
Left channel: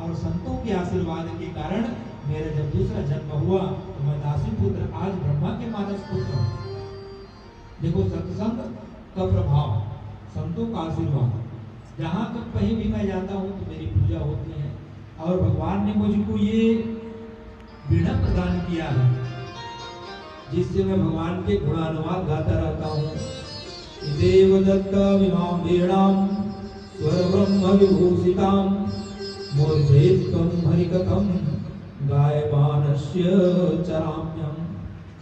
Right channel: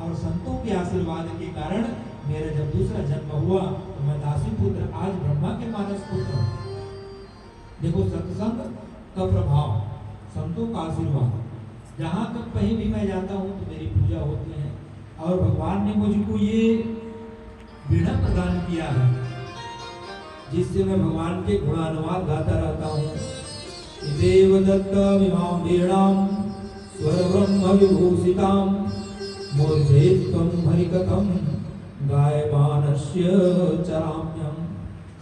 और संतों के आशीर्वाद के कारण मेरा जब दूसरा जन्म हुआ तो मैं दासी पुत्र, आज ब्रह्मा के मानस पुत्र। देखो सत्संग का प्रभाव, संतों का आशीर्वाद, जहाँ तक कहीं भी मैं जाता हूँ तो मेरी पूजा होती है। और भगवान ने मुझको ये वीणा प्रदान किया है, जिससे मैं भगवान के गुणानुवाद गाता रहता हूँ। देवदत्ता विमां वीणां स्वर ब्रह्म विभूषितां, मूर्धेत्वं हरिकथं गायमानस्य चराम्यं।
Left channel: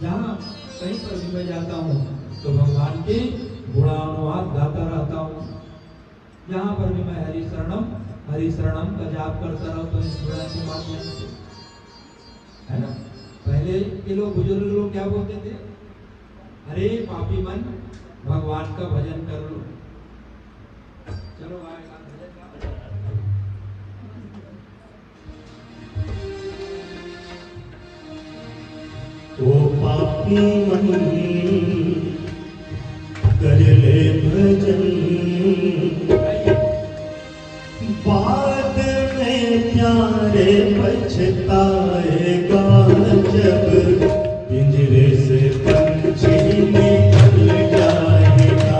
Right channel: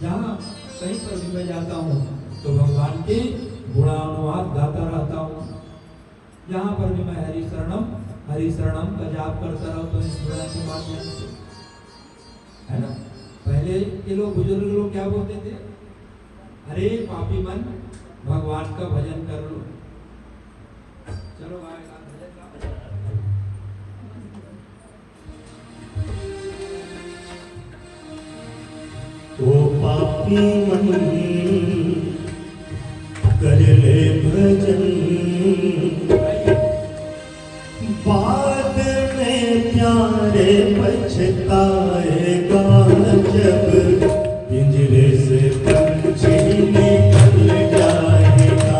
जहाँ कहीं पर भी मैं जाता हूँ तो भगवान के गुणानुवाद गाता रहता हूँ। जहाँ पर भी मैं हरि शरणम का जाप करता रहूँ तो इस वीणा के माध्यम से, है ना। पहले के लोग, बुजुर्ग लोग क्या बोलते थे, अरे पापी मन भगवान का भजन कर लो। चलो ओ पापी मन कर ले भजन, बाद में प्यारे पछताएगा जब पिंजरे से पंछी निकल जाएगा,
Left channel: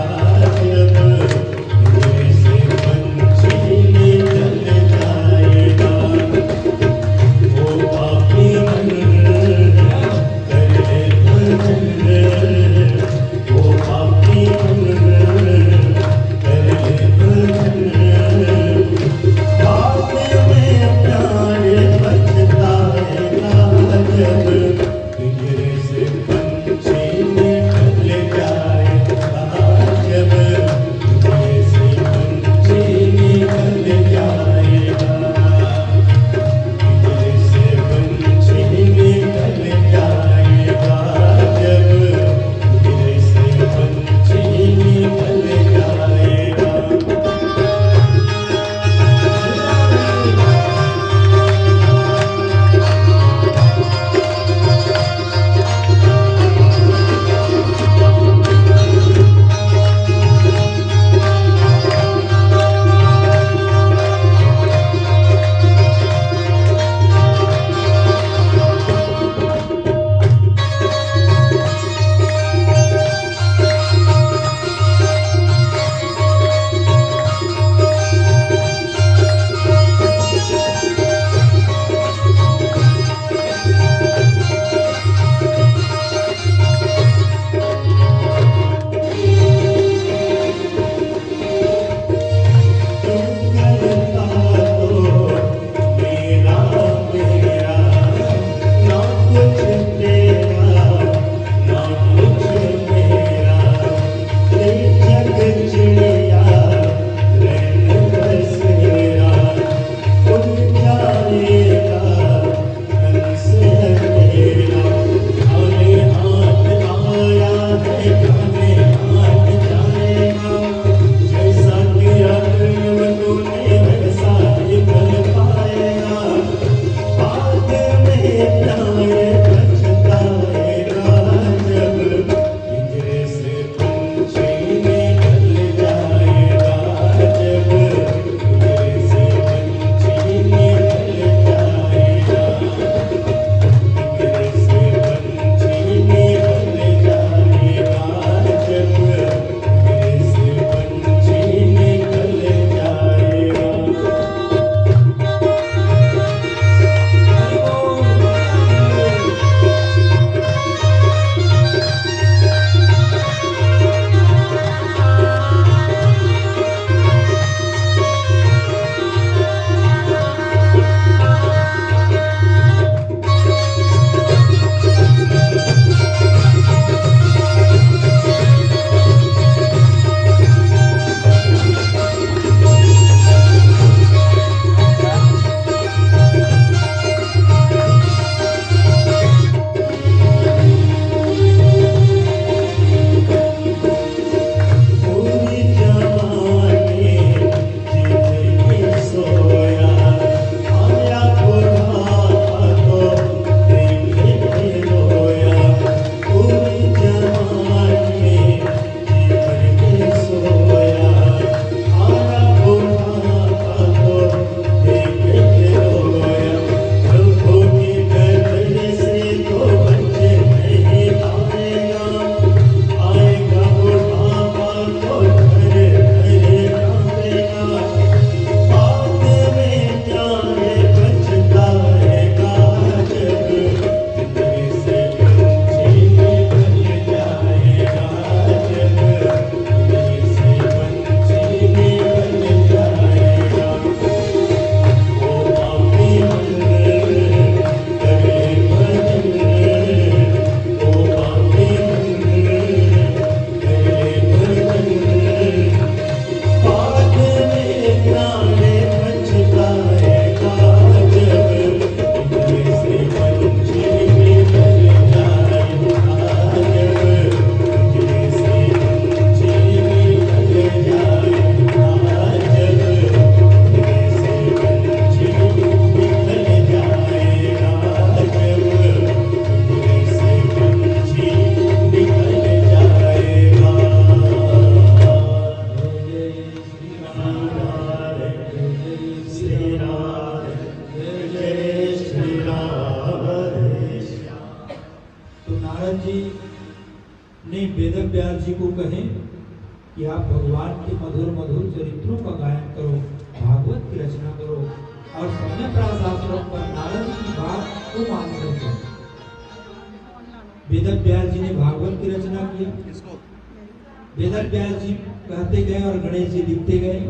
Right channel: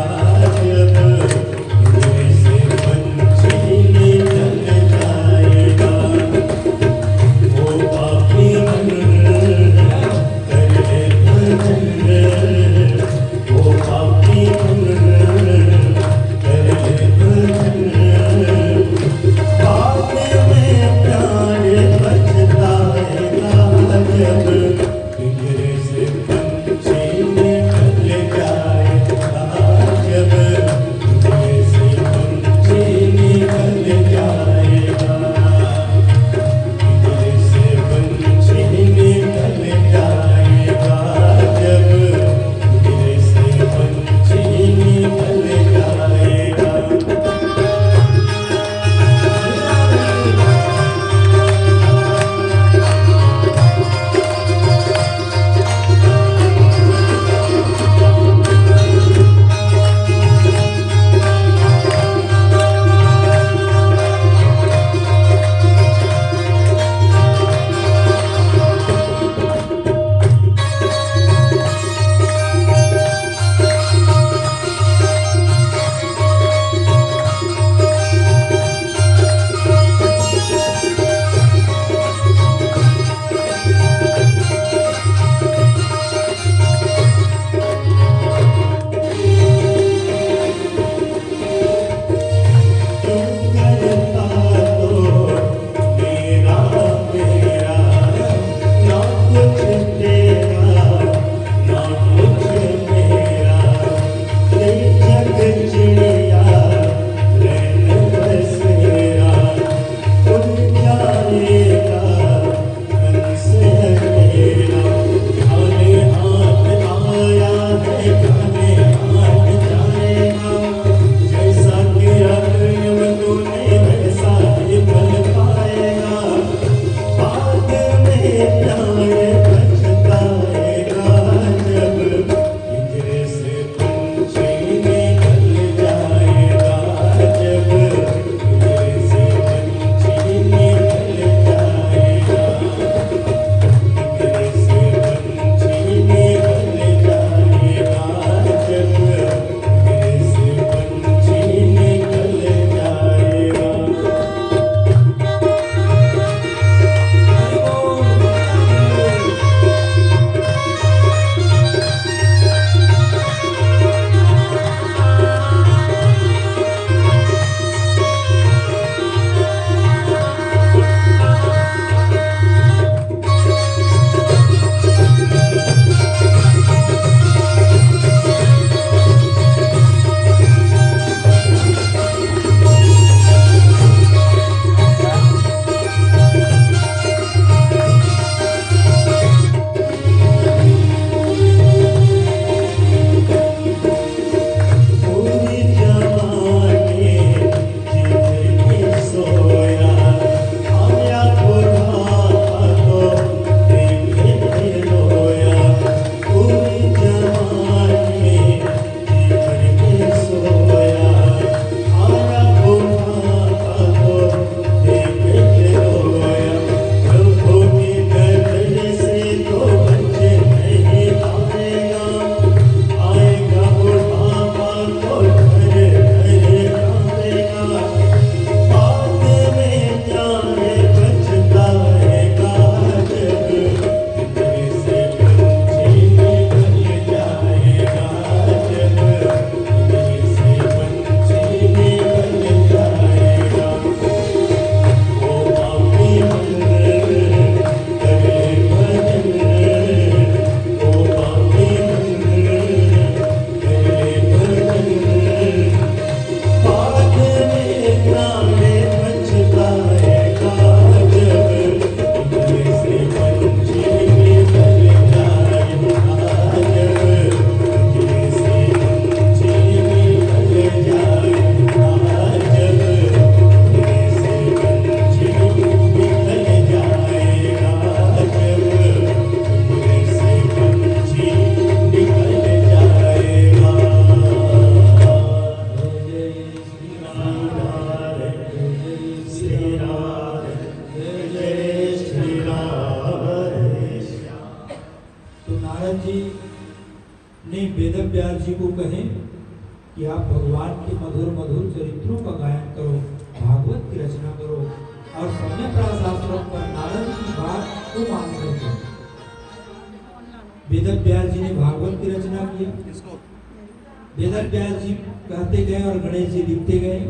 जब पिंजरे से पंछी निकल जाएगा। ओ पापी मन कर ले भजन, ओ पापी मन कर ले भजन, बाद में प्यारे पछताएगा कि आप भगवान के मधुर मधुर चरित्रों का गायन करो, भागवत की रचना करो और समय शास्त्रों पर नारद की बात को मान करके वेद व्यास जी ने भागवत की रचना किया। वेद व्यास जी कहते गए और गणेश जी लिखते गए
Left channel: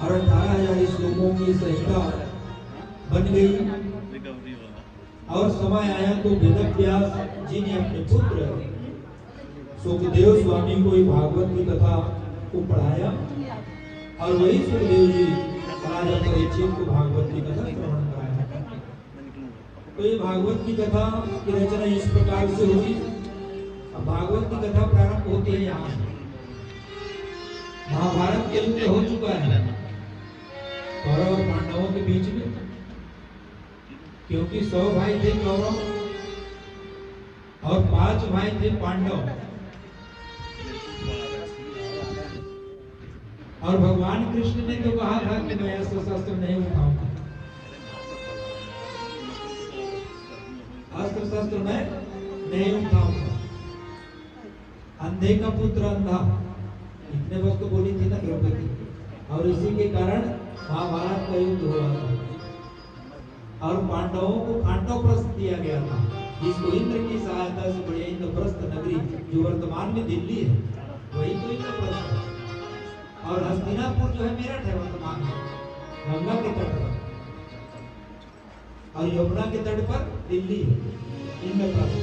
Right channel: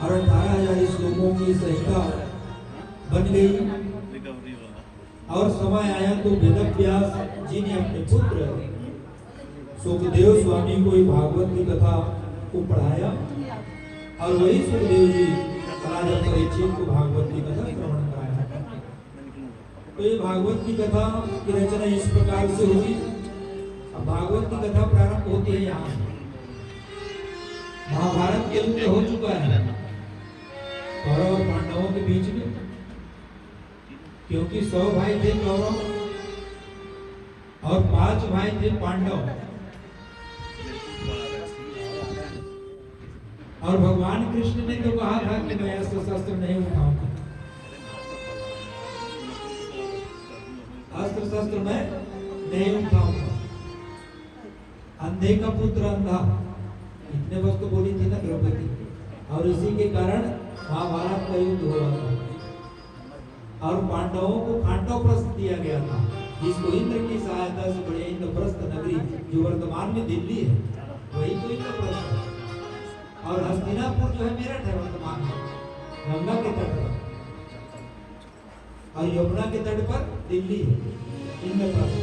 और 18,000 श्लोकों की संहिता बन गई। और समय आया तो वेद व्यास जी ने अपने पुत्र सुखदेव स्वामी को भागवत की कथा को पढ़ाया और वही सुखदेव जी राजा परीक्षित को भागवत की कथा श्रवण कराया। तो ये भागवत की कथा की रचना इस प्रकार से हुई। भागवत की कथा प्रारंभ होती है यहाँ से। महाभारत के युद्ध हो चुका है कौरव और पांडवों के बीच में, क्योंकि 100 भाई थे कौरव और 5 भाई थे पांडव। और भगवान कृष्ण ने जो कहा था कि मैं अस्त्र शस्त्र नहीं उठाऊंगा, अस्त्र शस्त्र में नहीं उठाऊंगा, अंधे का पुत्र अंधा, इतने वक्त बोली थी ना द्रौपदी। और इसी के कारण महाभारत का युद्ध हुआ और पांडवों को पांडवप्रस्थ दिया गया था, जिसको इंद्र की सहायता से बड़े इंद्रप्रस्थ नगरी जो वर्तमान में दिल्ली है वही तो इंद्रप्रस्थ है। और हस्तिनापुर जो है मेरठ है वर्तमान में, गंगा के तट पर, और यमुना के तट पर दिल्ली है इंद्रप्रस्थ।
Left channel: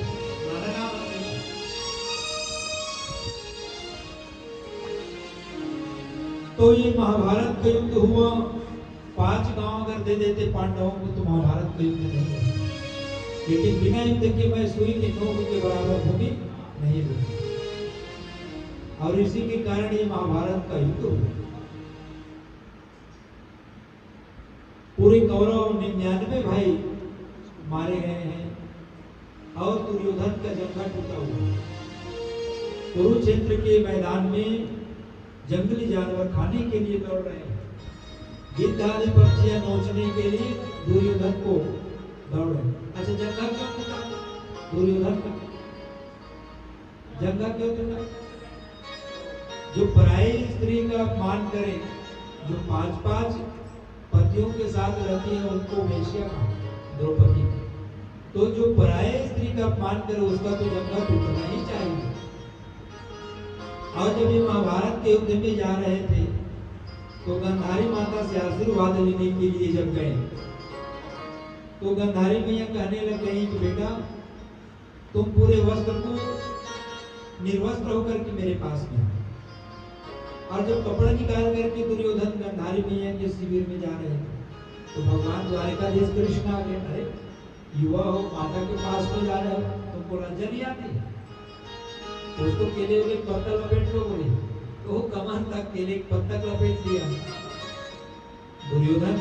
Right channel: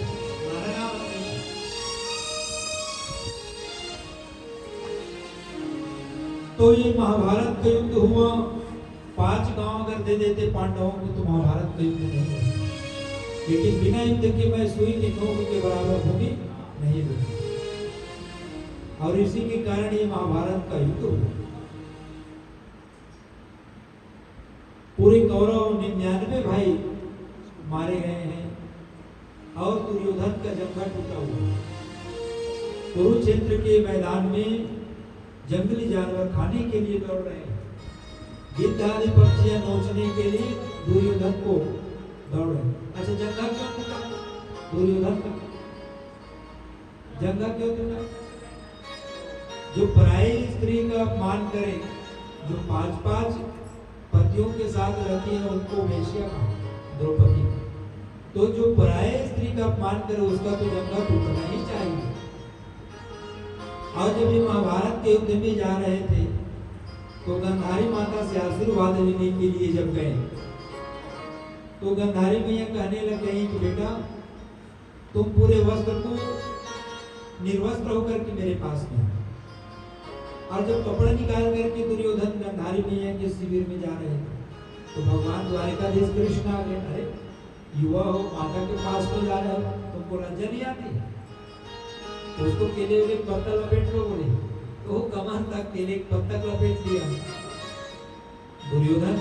तो ये महाभारत का युद्ध हुआ। 5 गांव अगर दे देते पांडवों को तो महाभारत का युद्ध नहीं हुआ, लेकिन बिना युद्ध के मैं सुई की नोक के बराबर भूमि नहीं दूंगा। और इसी के कारण ये महाभारत का युद्ध हुआ। पूरे कौरव 99 भाई मारे गए हैं और दुर्योधन का जंगा टूटा हुआ। कुरुक्षेत्र के मैदान में जंगली जानवर खाने के लिए लड़ रहे हैं, गिद्ध आदि पक्षियां नोचने के लिए दुर्योधन को दौड़ रहे हैं। अच्छा, जंगा क्यों टूटा? दुर्योधन का जंगा क्यों टूटा? जो पराई स्त्री का अपमान करे, जो 5-5 पतियों के साथ रहती है उनको वेश्या द्रौपदी, तो जो पराई स्त्री का अपमान करे उसका तो जंगा टूटना ही चाहिए। और जब ये महाभारत के युद्ध में जा रहे थे तो गंधारी माता से आशीर्वाद लेने के लिए जब गए तो गंधारी मैया कहने लग गई कि बेटा तुम पूरे वस्त्र को निर्वस्त्र होकर के मेरे पास में। और जब कपड़ा निकाल करके दुर्योधन गंधारी मैया के शिविर में जा रहे थे तो भगवान द्वारिकाधीश कृष्ण आ गए। अरे युवा हो, माता के पास तो जा रहे हो, तुमको लज्जा नहीं आती? उसको केले में पत्ता लपेट लो बोले, तो वो कमर तक केले पत्ता लपेट दिया दुर्योधन।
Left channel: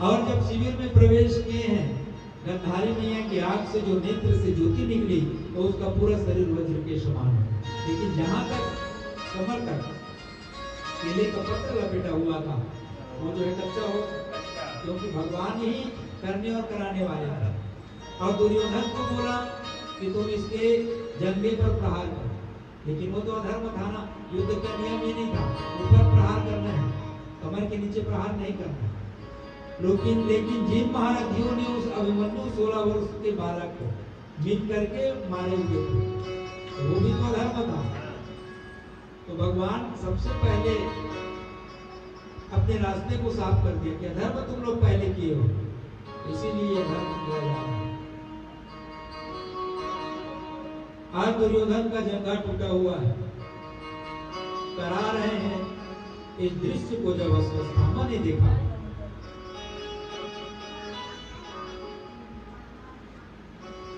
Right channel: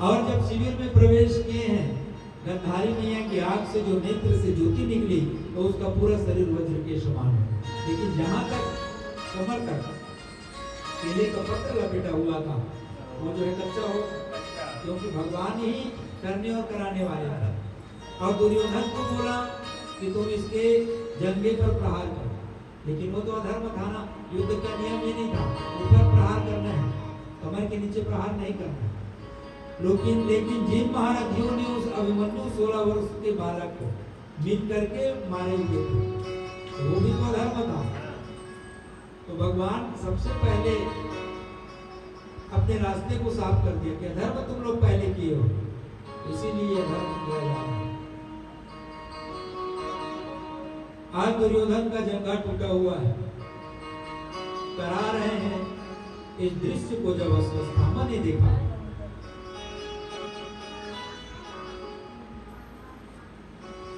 और जब शिविर में प्रवेश किए हैं, गंधारी मैया की आंख से जो नेत्र से ज्योति निकली तो उसका पूरा शरीर वज्र के समान है, लेकिन जहां तक कमर तक केले का पत्ता लपेटा हुआ था वो जो है कच्चा हो, क्योंकि भगवान ही करने और कराने वाले हैं। और दुर्योधन को बोला कि तुम इसके जंगे पर प्रहार कर, लेकिन वो तो अधर्म था ना, युद्ध का नियम ही नहीं था, ऊपर प्रहार करना है, कमर के नीचे प्रहार नहीं करना है। लेकिन जिन महारथियों ने उस अभिमन्यु 16 वर्ष के बालक को मिल करके मारे हुए थे, वो भी तो अधर्म था। तो भगवान सबसे पहले अपने रास्ते को साफ कर दिया कि धर्म तुम लोग पहले किए हो, इसीलिए धर्म किया जा रहा है। आज दुर्योधन का जंगा टूटा हुआ है, करा रहे हैं। इस दृश्य को जब अश्वत्थामा ने देखा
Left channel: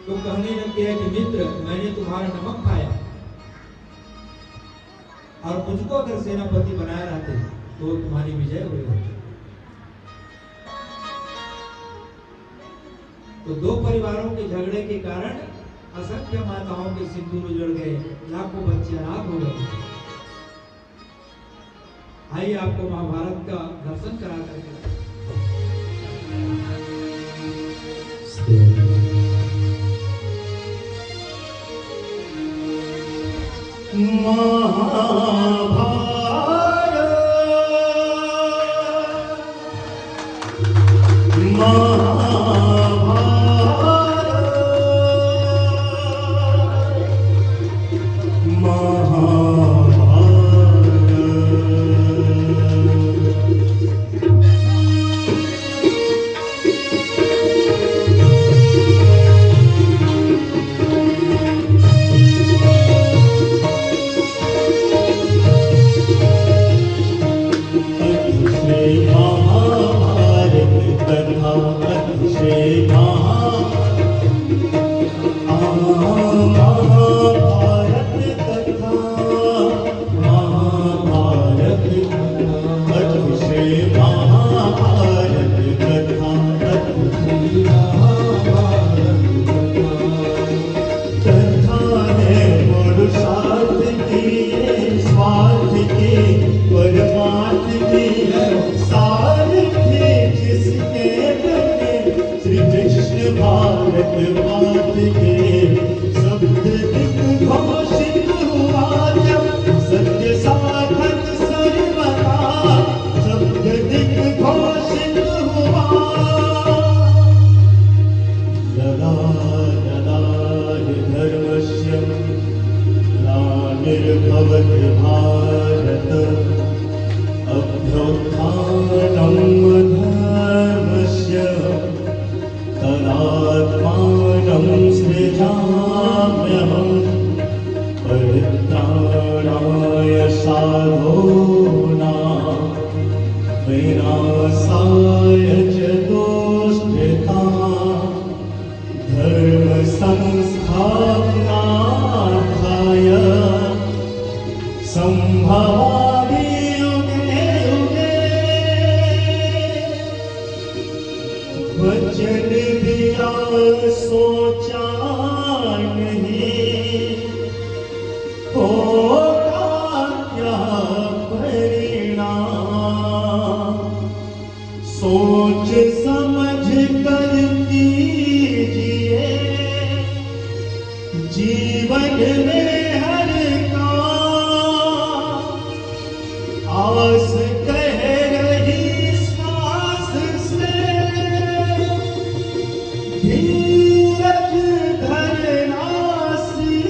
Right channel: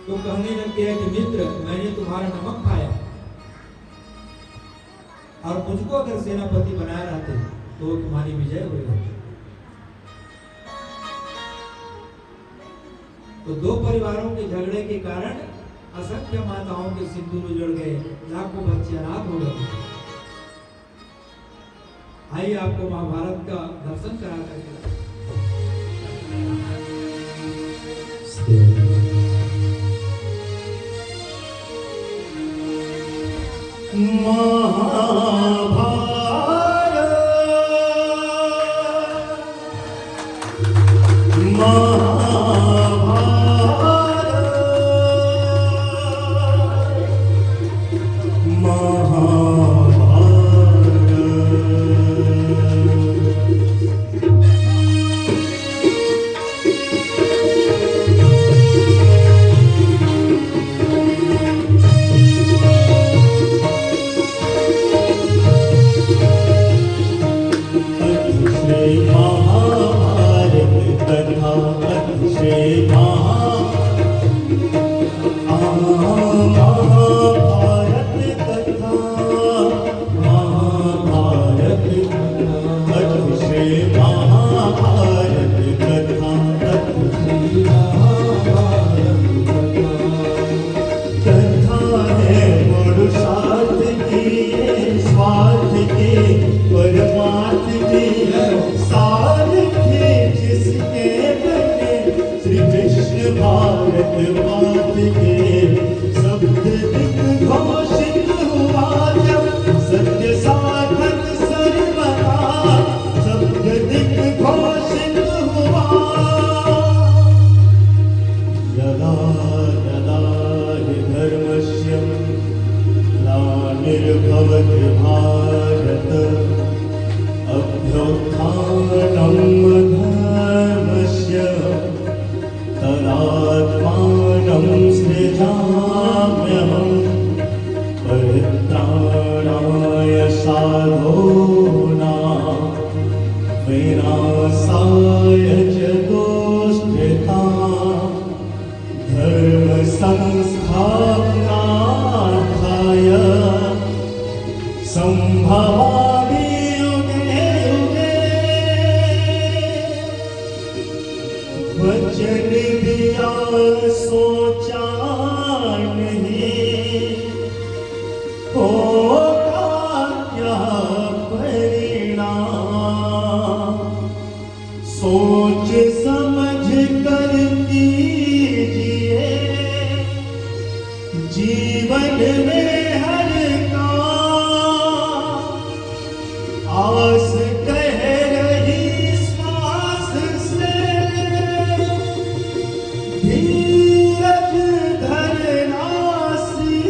तो कहने लग गया कि मित्र, मैंने तुम्हारा नमक खाया और मुझको अगर सेनापति बनाया रहते तो तुम्हारी विजय हुई। तो 2 परिवारों के झगड़े के कारण असंख्य माताओं के सिंदूर उजड़ गए, लाखों बच्चे अनाथ हो गए। आइए आपको महाभारत का दर्शन करा करके सोच समझ कर कीजिए जीवन में हर काम आस कह रही श्वास से धीरज धरना सी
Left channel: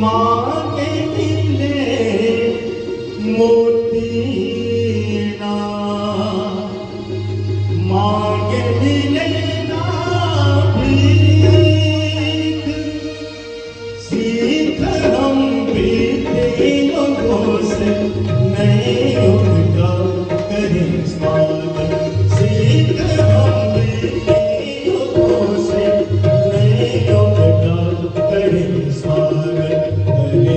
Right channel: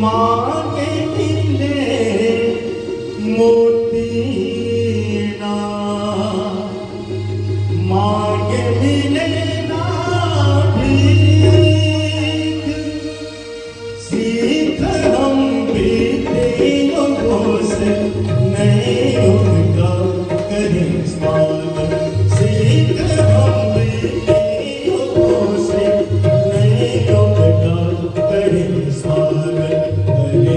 मांगे मिले मोती ना मांग मिले ना भीख सीख हम बीते युगों से नए युग का करें स्वागत सीख हम बीते युगों से नए युग का करें स्वागत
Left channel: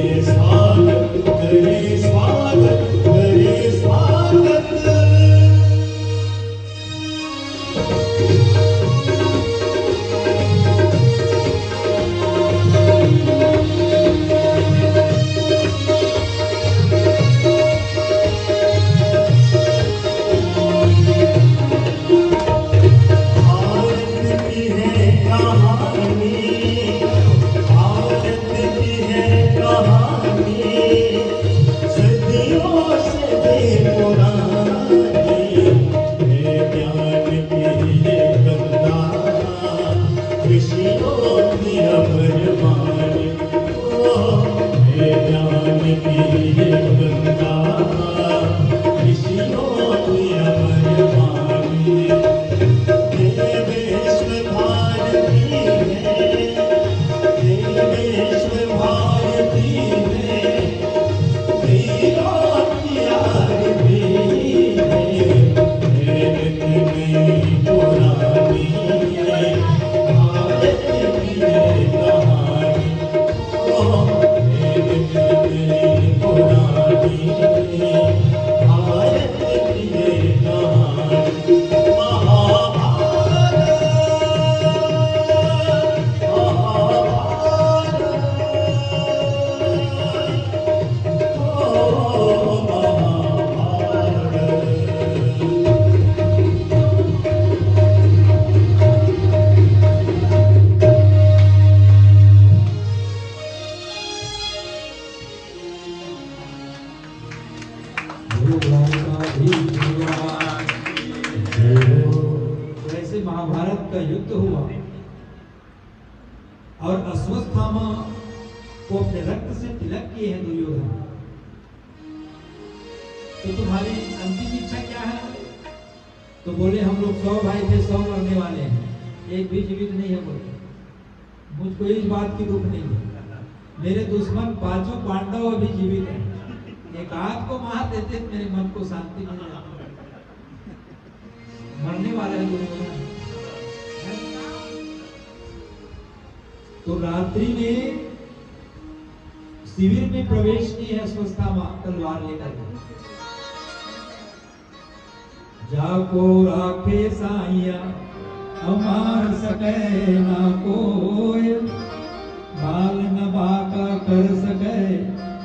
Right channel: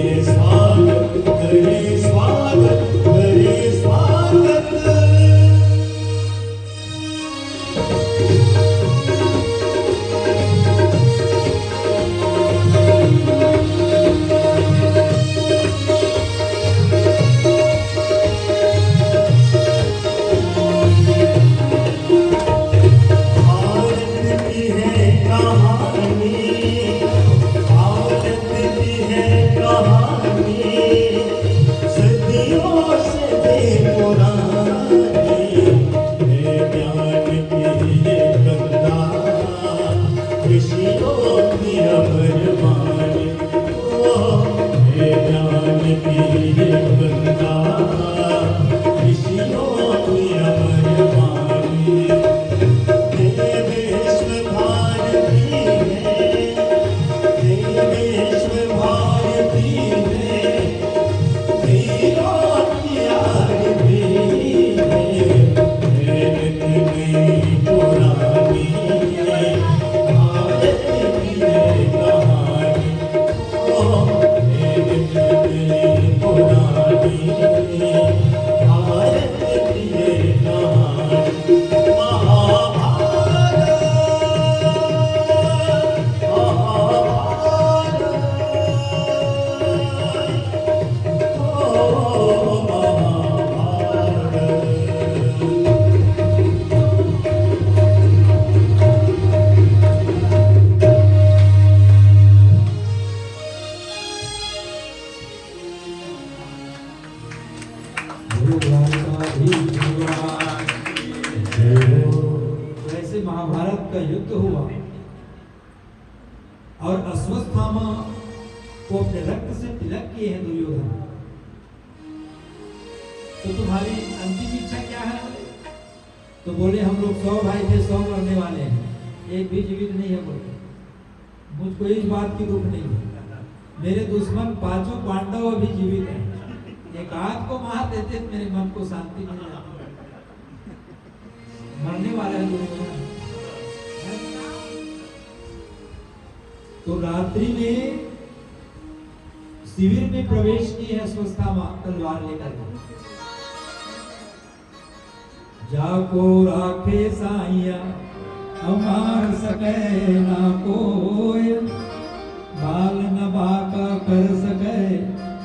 वैसे महाभारत का युद्ध हुआ और अश्वत्थामा को अपने रक्त से तिलक किए हैं दुर्योधन। तो तुम्हारी अंतिम इच्छा क्या है? तो बोले हम लोग 100 भाई थे, 100 मरने वाले हैं, एक भी जीवित नहीं है। बोले मुझको इस बात की दुख नहीं, मेरे दुश्मन 5 पांडव अभी जीवित हैं, एक आध को मार देते मेरे मन को शांति मिल जाती। मरने वाला है दुर्योधन। तो रात्रि में शिविर में प्रवेश किए हैं अश्वत्थामा तलवार लेकर। जाको राखे साइया अमार सके ना कोई, बाल न बाका कर सके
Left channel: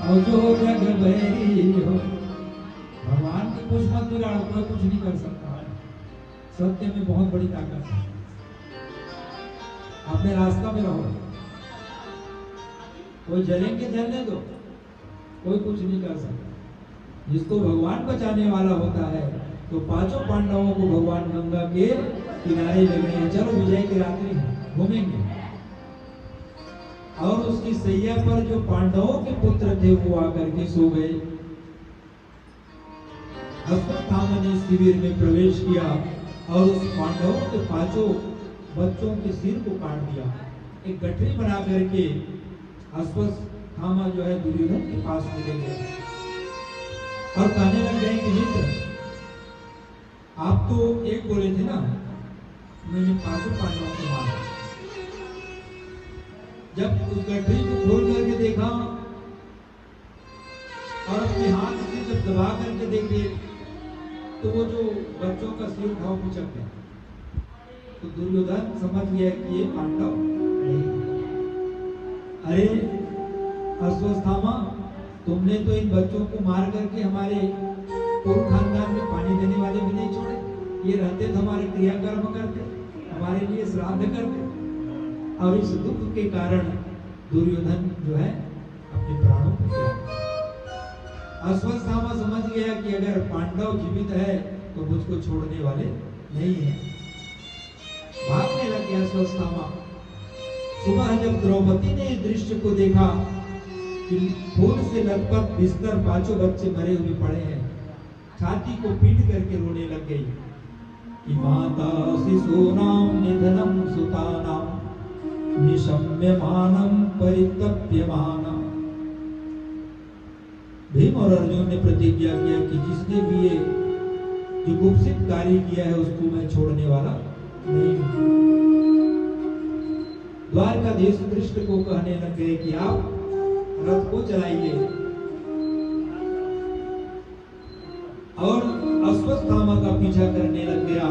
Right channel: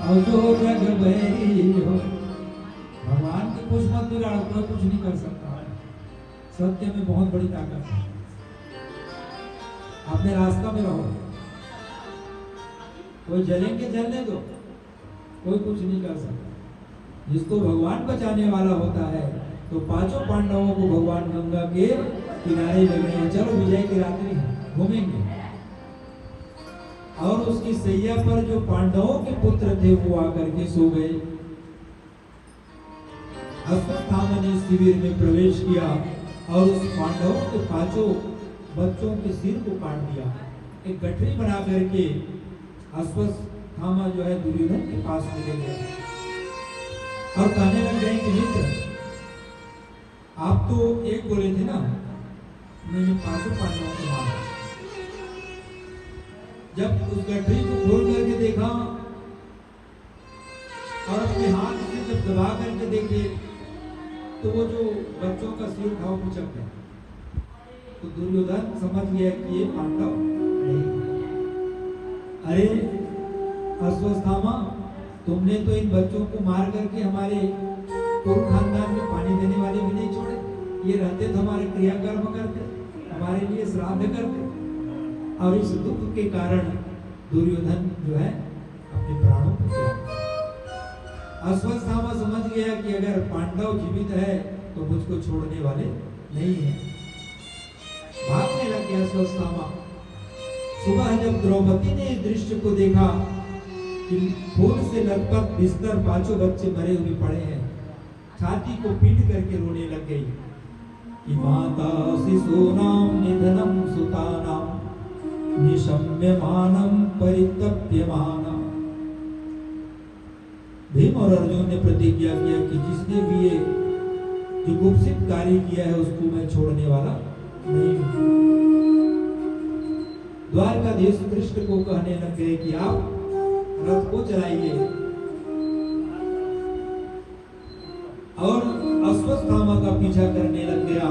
और जो जग बैरी हो। भगवान की खुश मत बिगाड़ो, कोई कुछ नहीं कर सकता। सत्य में बहुत बड़ी ताकत है। अपने रास्ता में रहो, कोई जलेंगे जलने दो, कोई कुछ नहीं कर सकता। जिसको भगवान बचाने वाला होता है, तो 5 पांडवों को भगवान गंगा के किनारे ले गए, चलो विजय की रात्रि घूमेंगे। और उसकी सैया पर जो पांडवों के पुत्र थे वो आकर के सो गए। अश्वत्थामा ने शिविर में प्रवेश किया और उस पांडवों के 5 बच्चों के सिर को काट दिया। एक गठरी बना करके अश्वत्थामा जो है दुर्योधन के पास ले गए और कहने लग गए कि मित्र, आप तो एक बोले थे ना, मैंने 5 पांडवों को मारा। जब उस गठरी को खोल करके देखा और अपने हाथ से जब दबा करके देखे, तो वो जो बच्चों का सिर था वो पिचक गया। तो दुर्योधन समझ गया कि ये पांडव नहीं। अरे अश्वत्थामा, तुमने तो इन बच्चों को मार करके हमारे पूर्व खानदान में पानी देने वाले भी नहीं छोड़े। ये रहते तो हमारे क्रियाकर्म करते, हमारे लिए श्राद्ध करते। और इस दुख के कारण दुर्योधन जो है अपने प्राणों को त्याग। अश्वत्थामा समझ गया कि अगर पांडव जीवित है तो मुझको छोड़ने वाले नहीं है। भागने लगे अश्वत्थामा। सुबह जब द्रौपदी ने इस दृश्य को देखा कि खून से लथपथ बिस्तर 5 बच्चे मरे हुए पड़े हैं, छाती को पीट करके रोने लग गई कि माता शिशूनां निधनं सुतानां निशम्यमानं परितप्यमानं। भीम और अर्जुन ने प्रतिज्ञा किया कि जिसने भी ये जुगुप्सित कार्य किया है उसको मैं छोड़ने वाला नहीं हूं। द्वारकाधीश कृष्ण को कहने लग गए कि आप रथ को चलाइए और अश्वत्थामा का पीछा करने लग गया।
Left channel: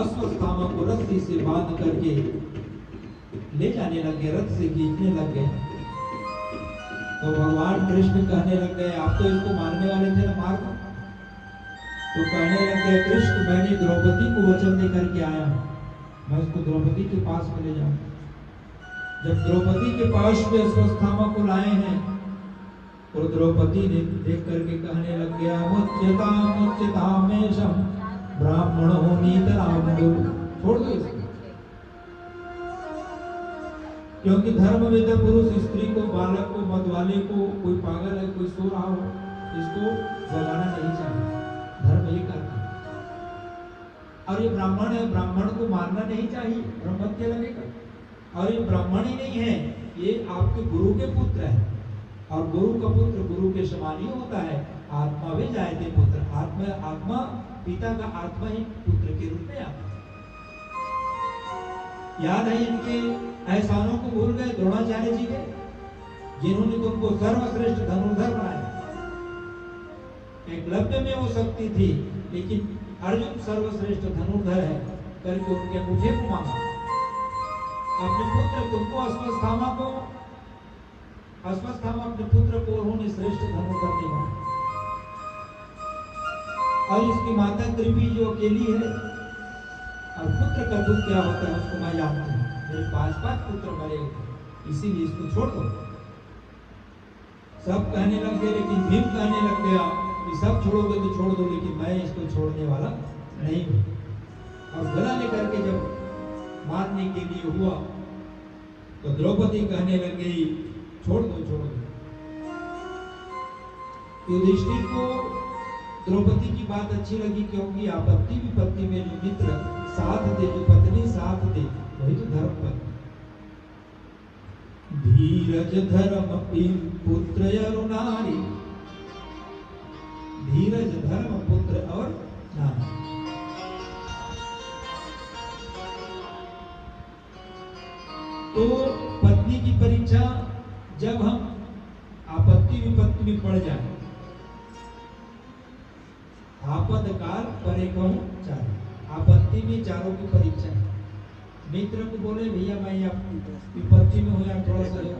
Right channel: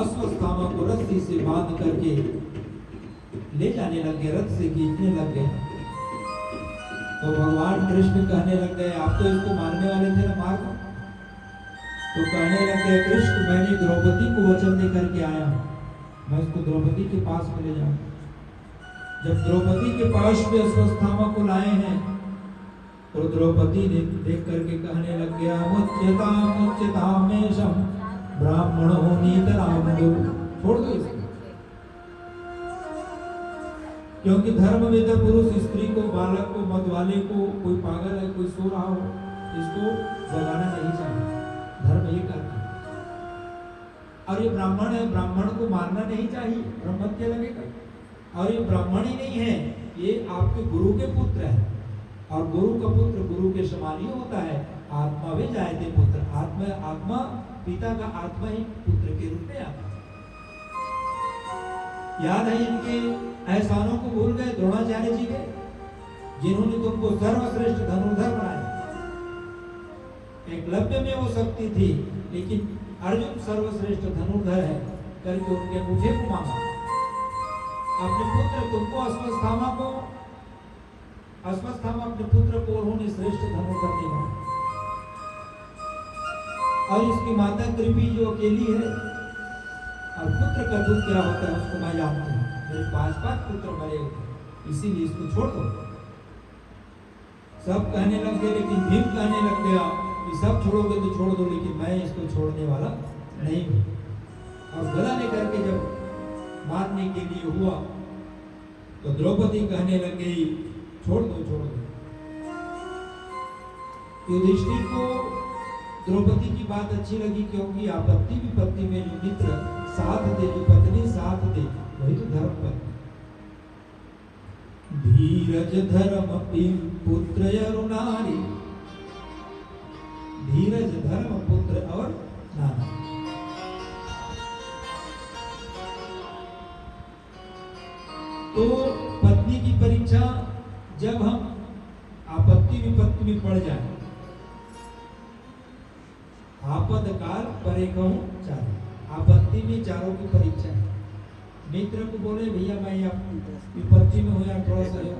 अश्वत्थामा को रस्सी से बांध करके ले जाने लग गए, रथ से खींचने लग गए। तो भगवान कृष्ण कहने लग गए, आप तो इसको मारने वाले थे ना, मार दो। तो कहने लग गए, कृष्ण मैंने द्रौपदी को वचन दे करके आया हूं, मैं इसको द्रौपदी के पास में ले जाऊं। जब द्रौपदी के पास में अश्वत्थामा को लाए हैं तो द्रौपदी ने देख करके कहने लग गया, मुच्यतामेशं ब्राह्मणो नीतरामो। छोड़ दो इसको, क्योंकि धर्म में जब पुरुष स्त्री को, बालक को, मतवाले को, कोई पागल है, कोई सो रहा हो, इसको जगाना नहीं चाहिए। धर्म ये करता है। और ये ब्राह्मण है, ब्राह्मण को मारना नहीं चाहिए, ब्रह्मत्य लगेगा। और ये ब्राह्मण ही नहीं है, ये आपके गुरु के पुत्र है। और गुरु का पुत्र गुरु के समान ही होता है। आत्मा भी जायते पुत्र, आत्मा पिता का आत्मा ही पुत्र के रूप में आता है। याद है इनके एहसानों को भूल गए द्रोणाचार्य जी के, जिन्होंने तुमको सर्वश्रेष्ठ धनुर्धर बनाया। एकलव्य में वो शक्ति थी, लेकिन अर्जुन सर्वश्रेष्ठ धनुर्धर है करके उनके मुझे को मांगा। अपने पुत्र तुमको अश्वत्थामा अपने पुत्र को उन्होंने श्रेष्ठ धनुर्धर नहीं माना। और इसकी माता कृपी जो अकेली है, और पुत्र का दुख क्या होता है उसको मैं जानती हूँ। मेरे 5 पुत्र मरे, इसीलिए इसको छोड़ दो। सब कहने लग गए, लेकिन भीम कहने लग गया कि सब छोड़ोगे तो छोड़ दो, लेकिन मैं इसको छोड़ने वाला नहीं हूं। और गदा लेकर के जब मारने के लिए हुआ तो द्रौपदी कहने लग गई छोड़ दो छोड़ दो। युधिष्ठिर को द्रौपदी की बात अच्छी लगी, क्योंकि आपत्ति विपत्ति में जो मित्र साथ दे, जो पत्नी साथ दे, वही तो धर्म पत्नी। धीरज धर्म पुत्र नारी, धीरज धर्म पुत्र और नारी। तो पत्नी की परीक्षा जब हम आपत्ति विपत्ति में पड़ जाए, आपद काल परे कहूं चारों, आपत्ति भी चारों की परीक्षा है। मित्र को बोले भैया मैं आप विपत्ति में हो जाए थोड़ा सहयोग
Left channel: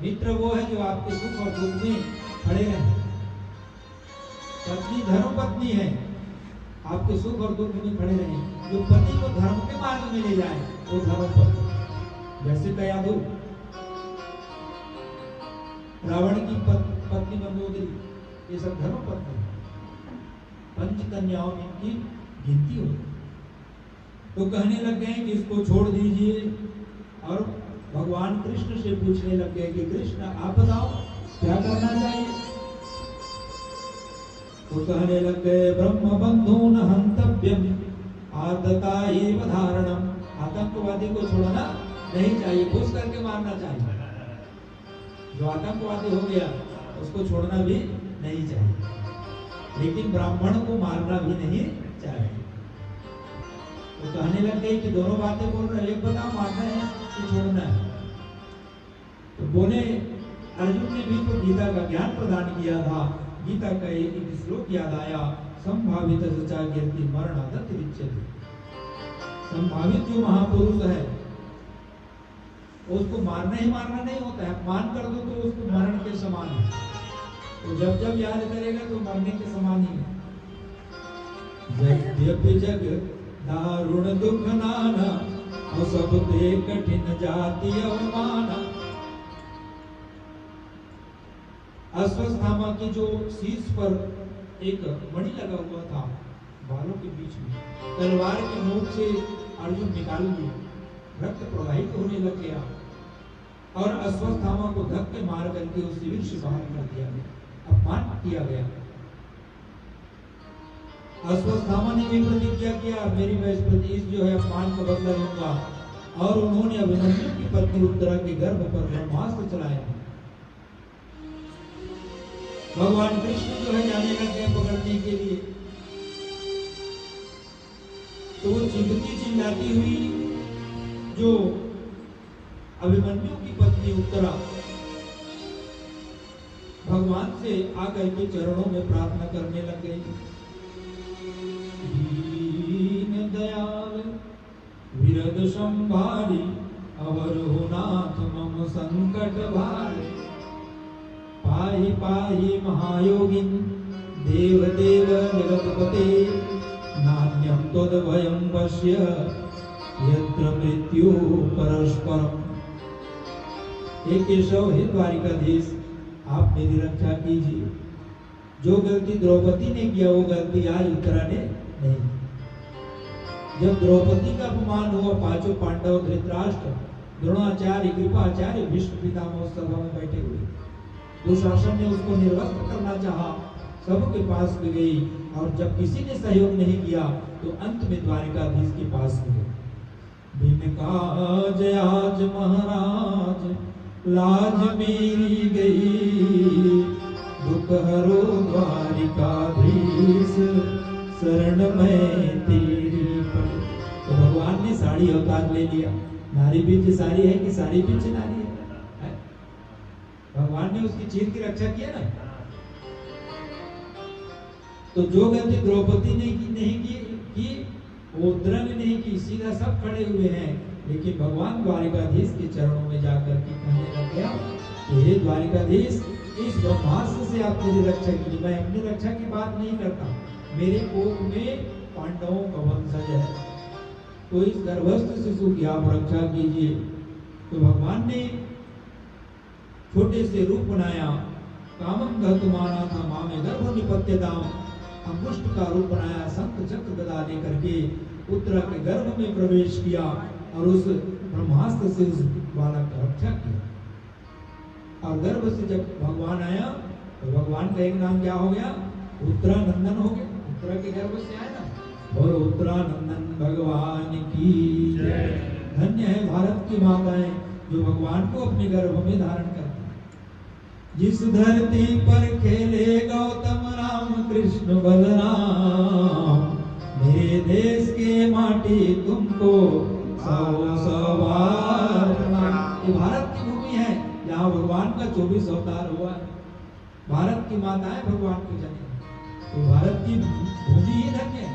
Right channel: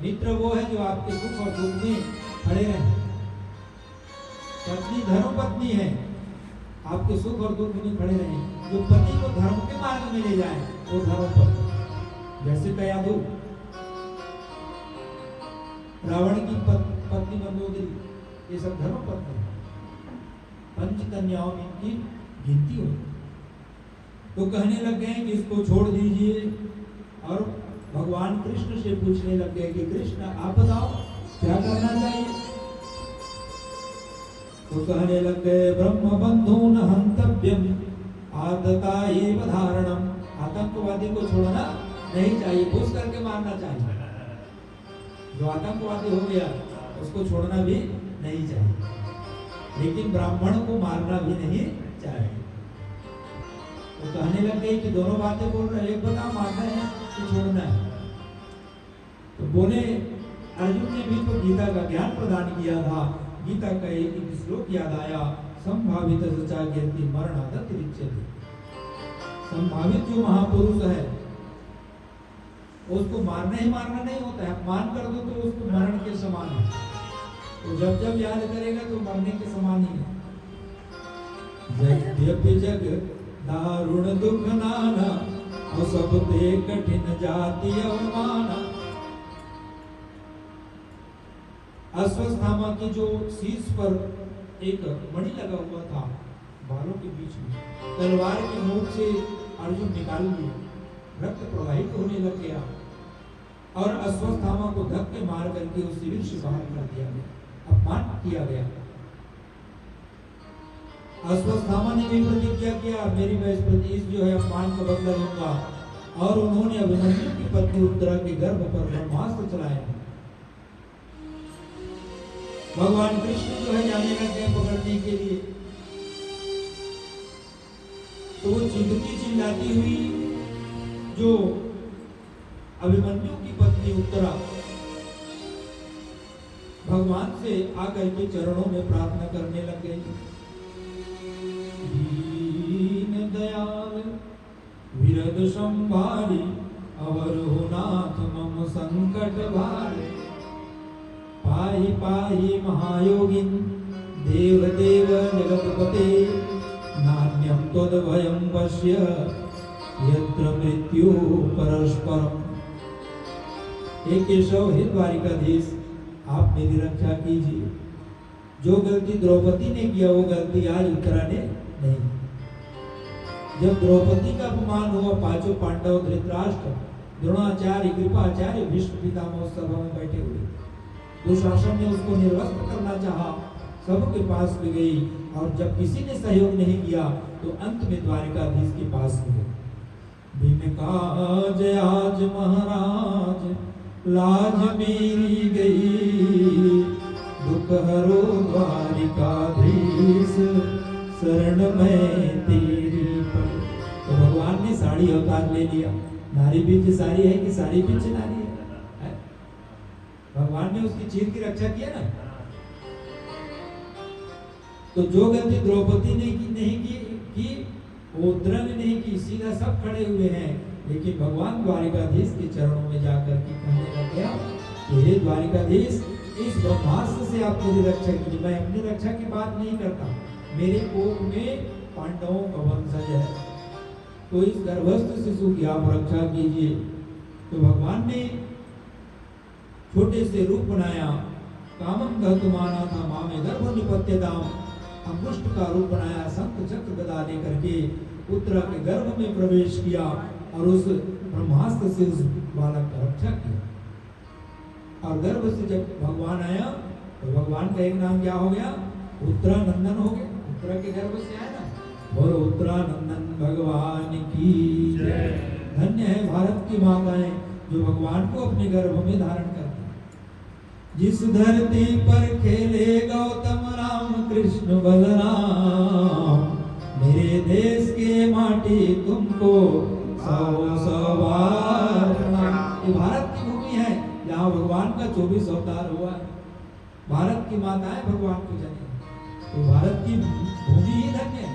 मित्र वो है जो आपके सुख और दुख में खड़े रहे। पत्नी धर्म पत्नी है, आपके सुख और दुख में खड़े रहे। जो पति को धर्म के मार्ग में ले जाए वो धर्म पत्नी। वैसे तो याद हो रावण की पत्नी मंदोदरी, ये सब धर्म पत्नी, पंचकन्याओं की गिनती हो। तो कहने लग गए कि इसको छोड़ दीजिए, और भगवान कृष्ण से पूछने लग गए कि कृष्ण आप बताओ क्या करना चाहिए। तो कहने लग गए ब्रह्म बंधून हंतव्यम आतता एव धारणम, आतंकवादी को छोड़ना नहीं चाहिए, घुस करके मारना चाहिए। जो आतंकवादी हो गया उसको छोड़ना भी नहीं चाहिए, लेकिन ब्राह्मण को मारना भी नहीं चाहिए। तो कहने लग गए कि दोनों बातें बोल रहे हैं, बताओ मारना है कि छोड़ना है। तो बोले अर्जुन ने भी तो गीता का ज्ञान प्रदान किया था। गीता का एक श्लोक याद आया, संभावित सचा कीर्ति मरणादत रिच्यते। संभावित जो महापुरुष है उसको मारना ही मारना नहीं होता है, अपमान कर दो तो उसको मरण के समान है। तो जब जब याद करेगा तो मरने के समान ही है। यद्यपि जग दारुण दुख नाना, सब ते कठिन जाति अवमाना। अश्वत्थामा की जो शीश पर एक मणि लगा हुआ था बालों के बीच में, तलवार की नोक से अर्जुन निकाल दिया, रक्त प्रवाहित होने लग गया और अश्वत्थामा को धक्के मार करके उस शिविर से बाहर कर दिया गया, अपमान किया गया। अश्वत्थामा ने भी प्रतिज्ञा किया मेरी मैं इस जो है अपमान का बदला लूंगा, और उन्होंने अभिमन्यु की पत्नी उत्तरा के गर्भ पर ब्रह्मास्त्र चलाए। भगवान कृष्ण जो है जाने लग गए पकड़ने के लिए, तो वो चिंतती चिल्लाती हुई जो अभिमन्यु की पत्नी उत्तरा भगवान से आकर के चरणों में प्रार्थना करने लग गई। दीन दयाल विरद संभारी, अवर हो नाथ मम संकट भारी। पाहि पाहि महायोगिन देव देव जगतपते, नान्यं त्वद्भयं पश्य यत्र मृत्यु परस्परम। हे केशव, हे द्वारिकाधीश, आप मेरी रक्षा कीजिए। जो गलती द्रौपदी ने किया वो गलती आज उत्तरा ने नहीं। जब द्रौपदी का अपमान हुआ, पांचों पांडव धृतराष्ट्र, द्रोणाचार्य, कृपाचार्य, भीष्म पितामह सभा में बैठे हुए, दुशासन ने उसको निर्वस्त्र करना चाहा, सबके पास में गई, और जब किसी ने सहयोग नहीं किया तो अंत में द्वारिकाधीश के पास गई। भीम काज आज महाराज, लाज मेरी गई, दुख हरो द्वारिकाधीश, शरण में तेरी। तो भगवान ने साड़ी अवतार ले लिया। नारी बीच साड़ी है कि साड़ी बीच नारी है? भगवान ने उसकी चीर की रक्षा किया ना। तो जो गलती द्रौपदी ने की नहीं की उत्तरा ने नहीं की, सीधा सब खड़े हुए हैं, लेकिन भगवान द्वारिकाधीश के चरणों में जाकर के कहने लग गया, हे द्वारिकाधीश, इस ब्रह्मास्त्र से आप मेरी रक्षा कीजिए। मैं अपनी रक्षा की बात नहीं करता, मेरे कोख में पांडवों का वंशज है, तो इस गर्भस्थ शिशु की आप रक्षा कीजिए। तो भगवान ने छोटे से रूप बनाया, कामम घर तुम्हारा था मामे गर्भ निपत्यताम, अंकुष्ट का रूप बनाया, शंख चक्र गदा लेकर के उत्तरा के गर्भ में प्रवेश किया और उस ब्रह्मास्त्र से उस बालक की रक्षा की। और गर्भ से जब भगवान आया तो भगवान का एक नाम क्या हो गया? उत्तरानंदन हो गया। उत्तरा के गर्भ से आया ना। और उत्तरानंदन भगवान की जय। धन्य है भारत की माताएं जो भगवान को अपने गर्भ में धारण करती हैं। जिस धरती पर खेले गौतम राम कृष्ण बलराम, मेरे देश के माटी तुमको सौ सौ बार प्रणाम। ये भारत की भूमि है, यहाँ भगवान का 24 अवतार हुआ है। भारत की माताएं भगवान की जने, तो भारत की भूमि ही धन्य है।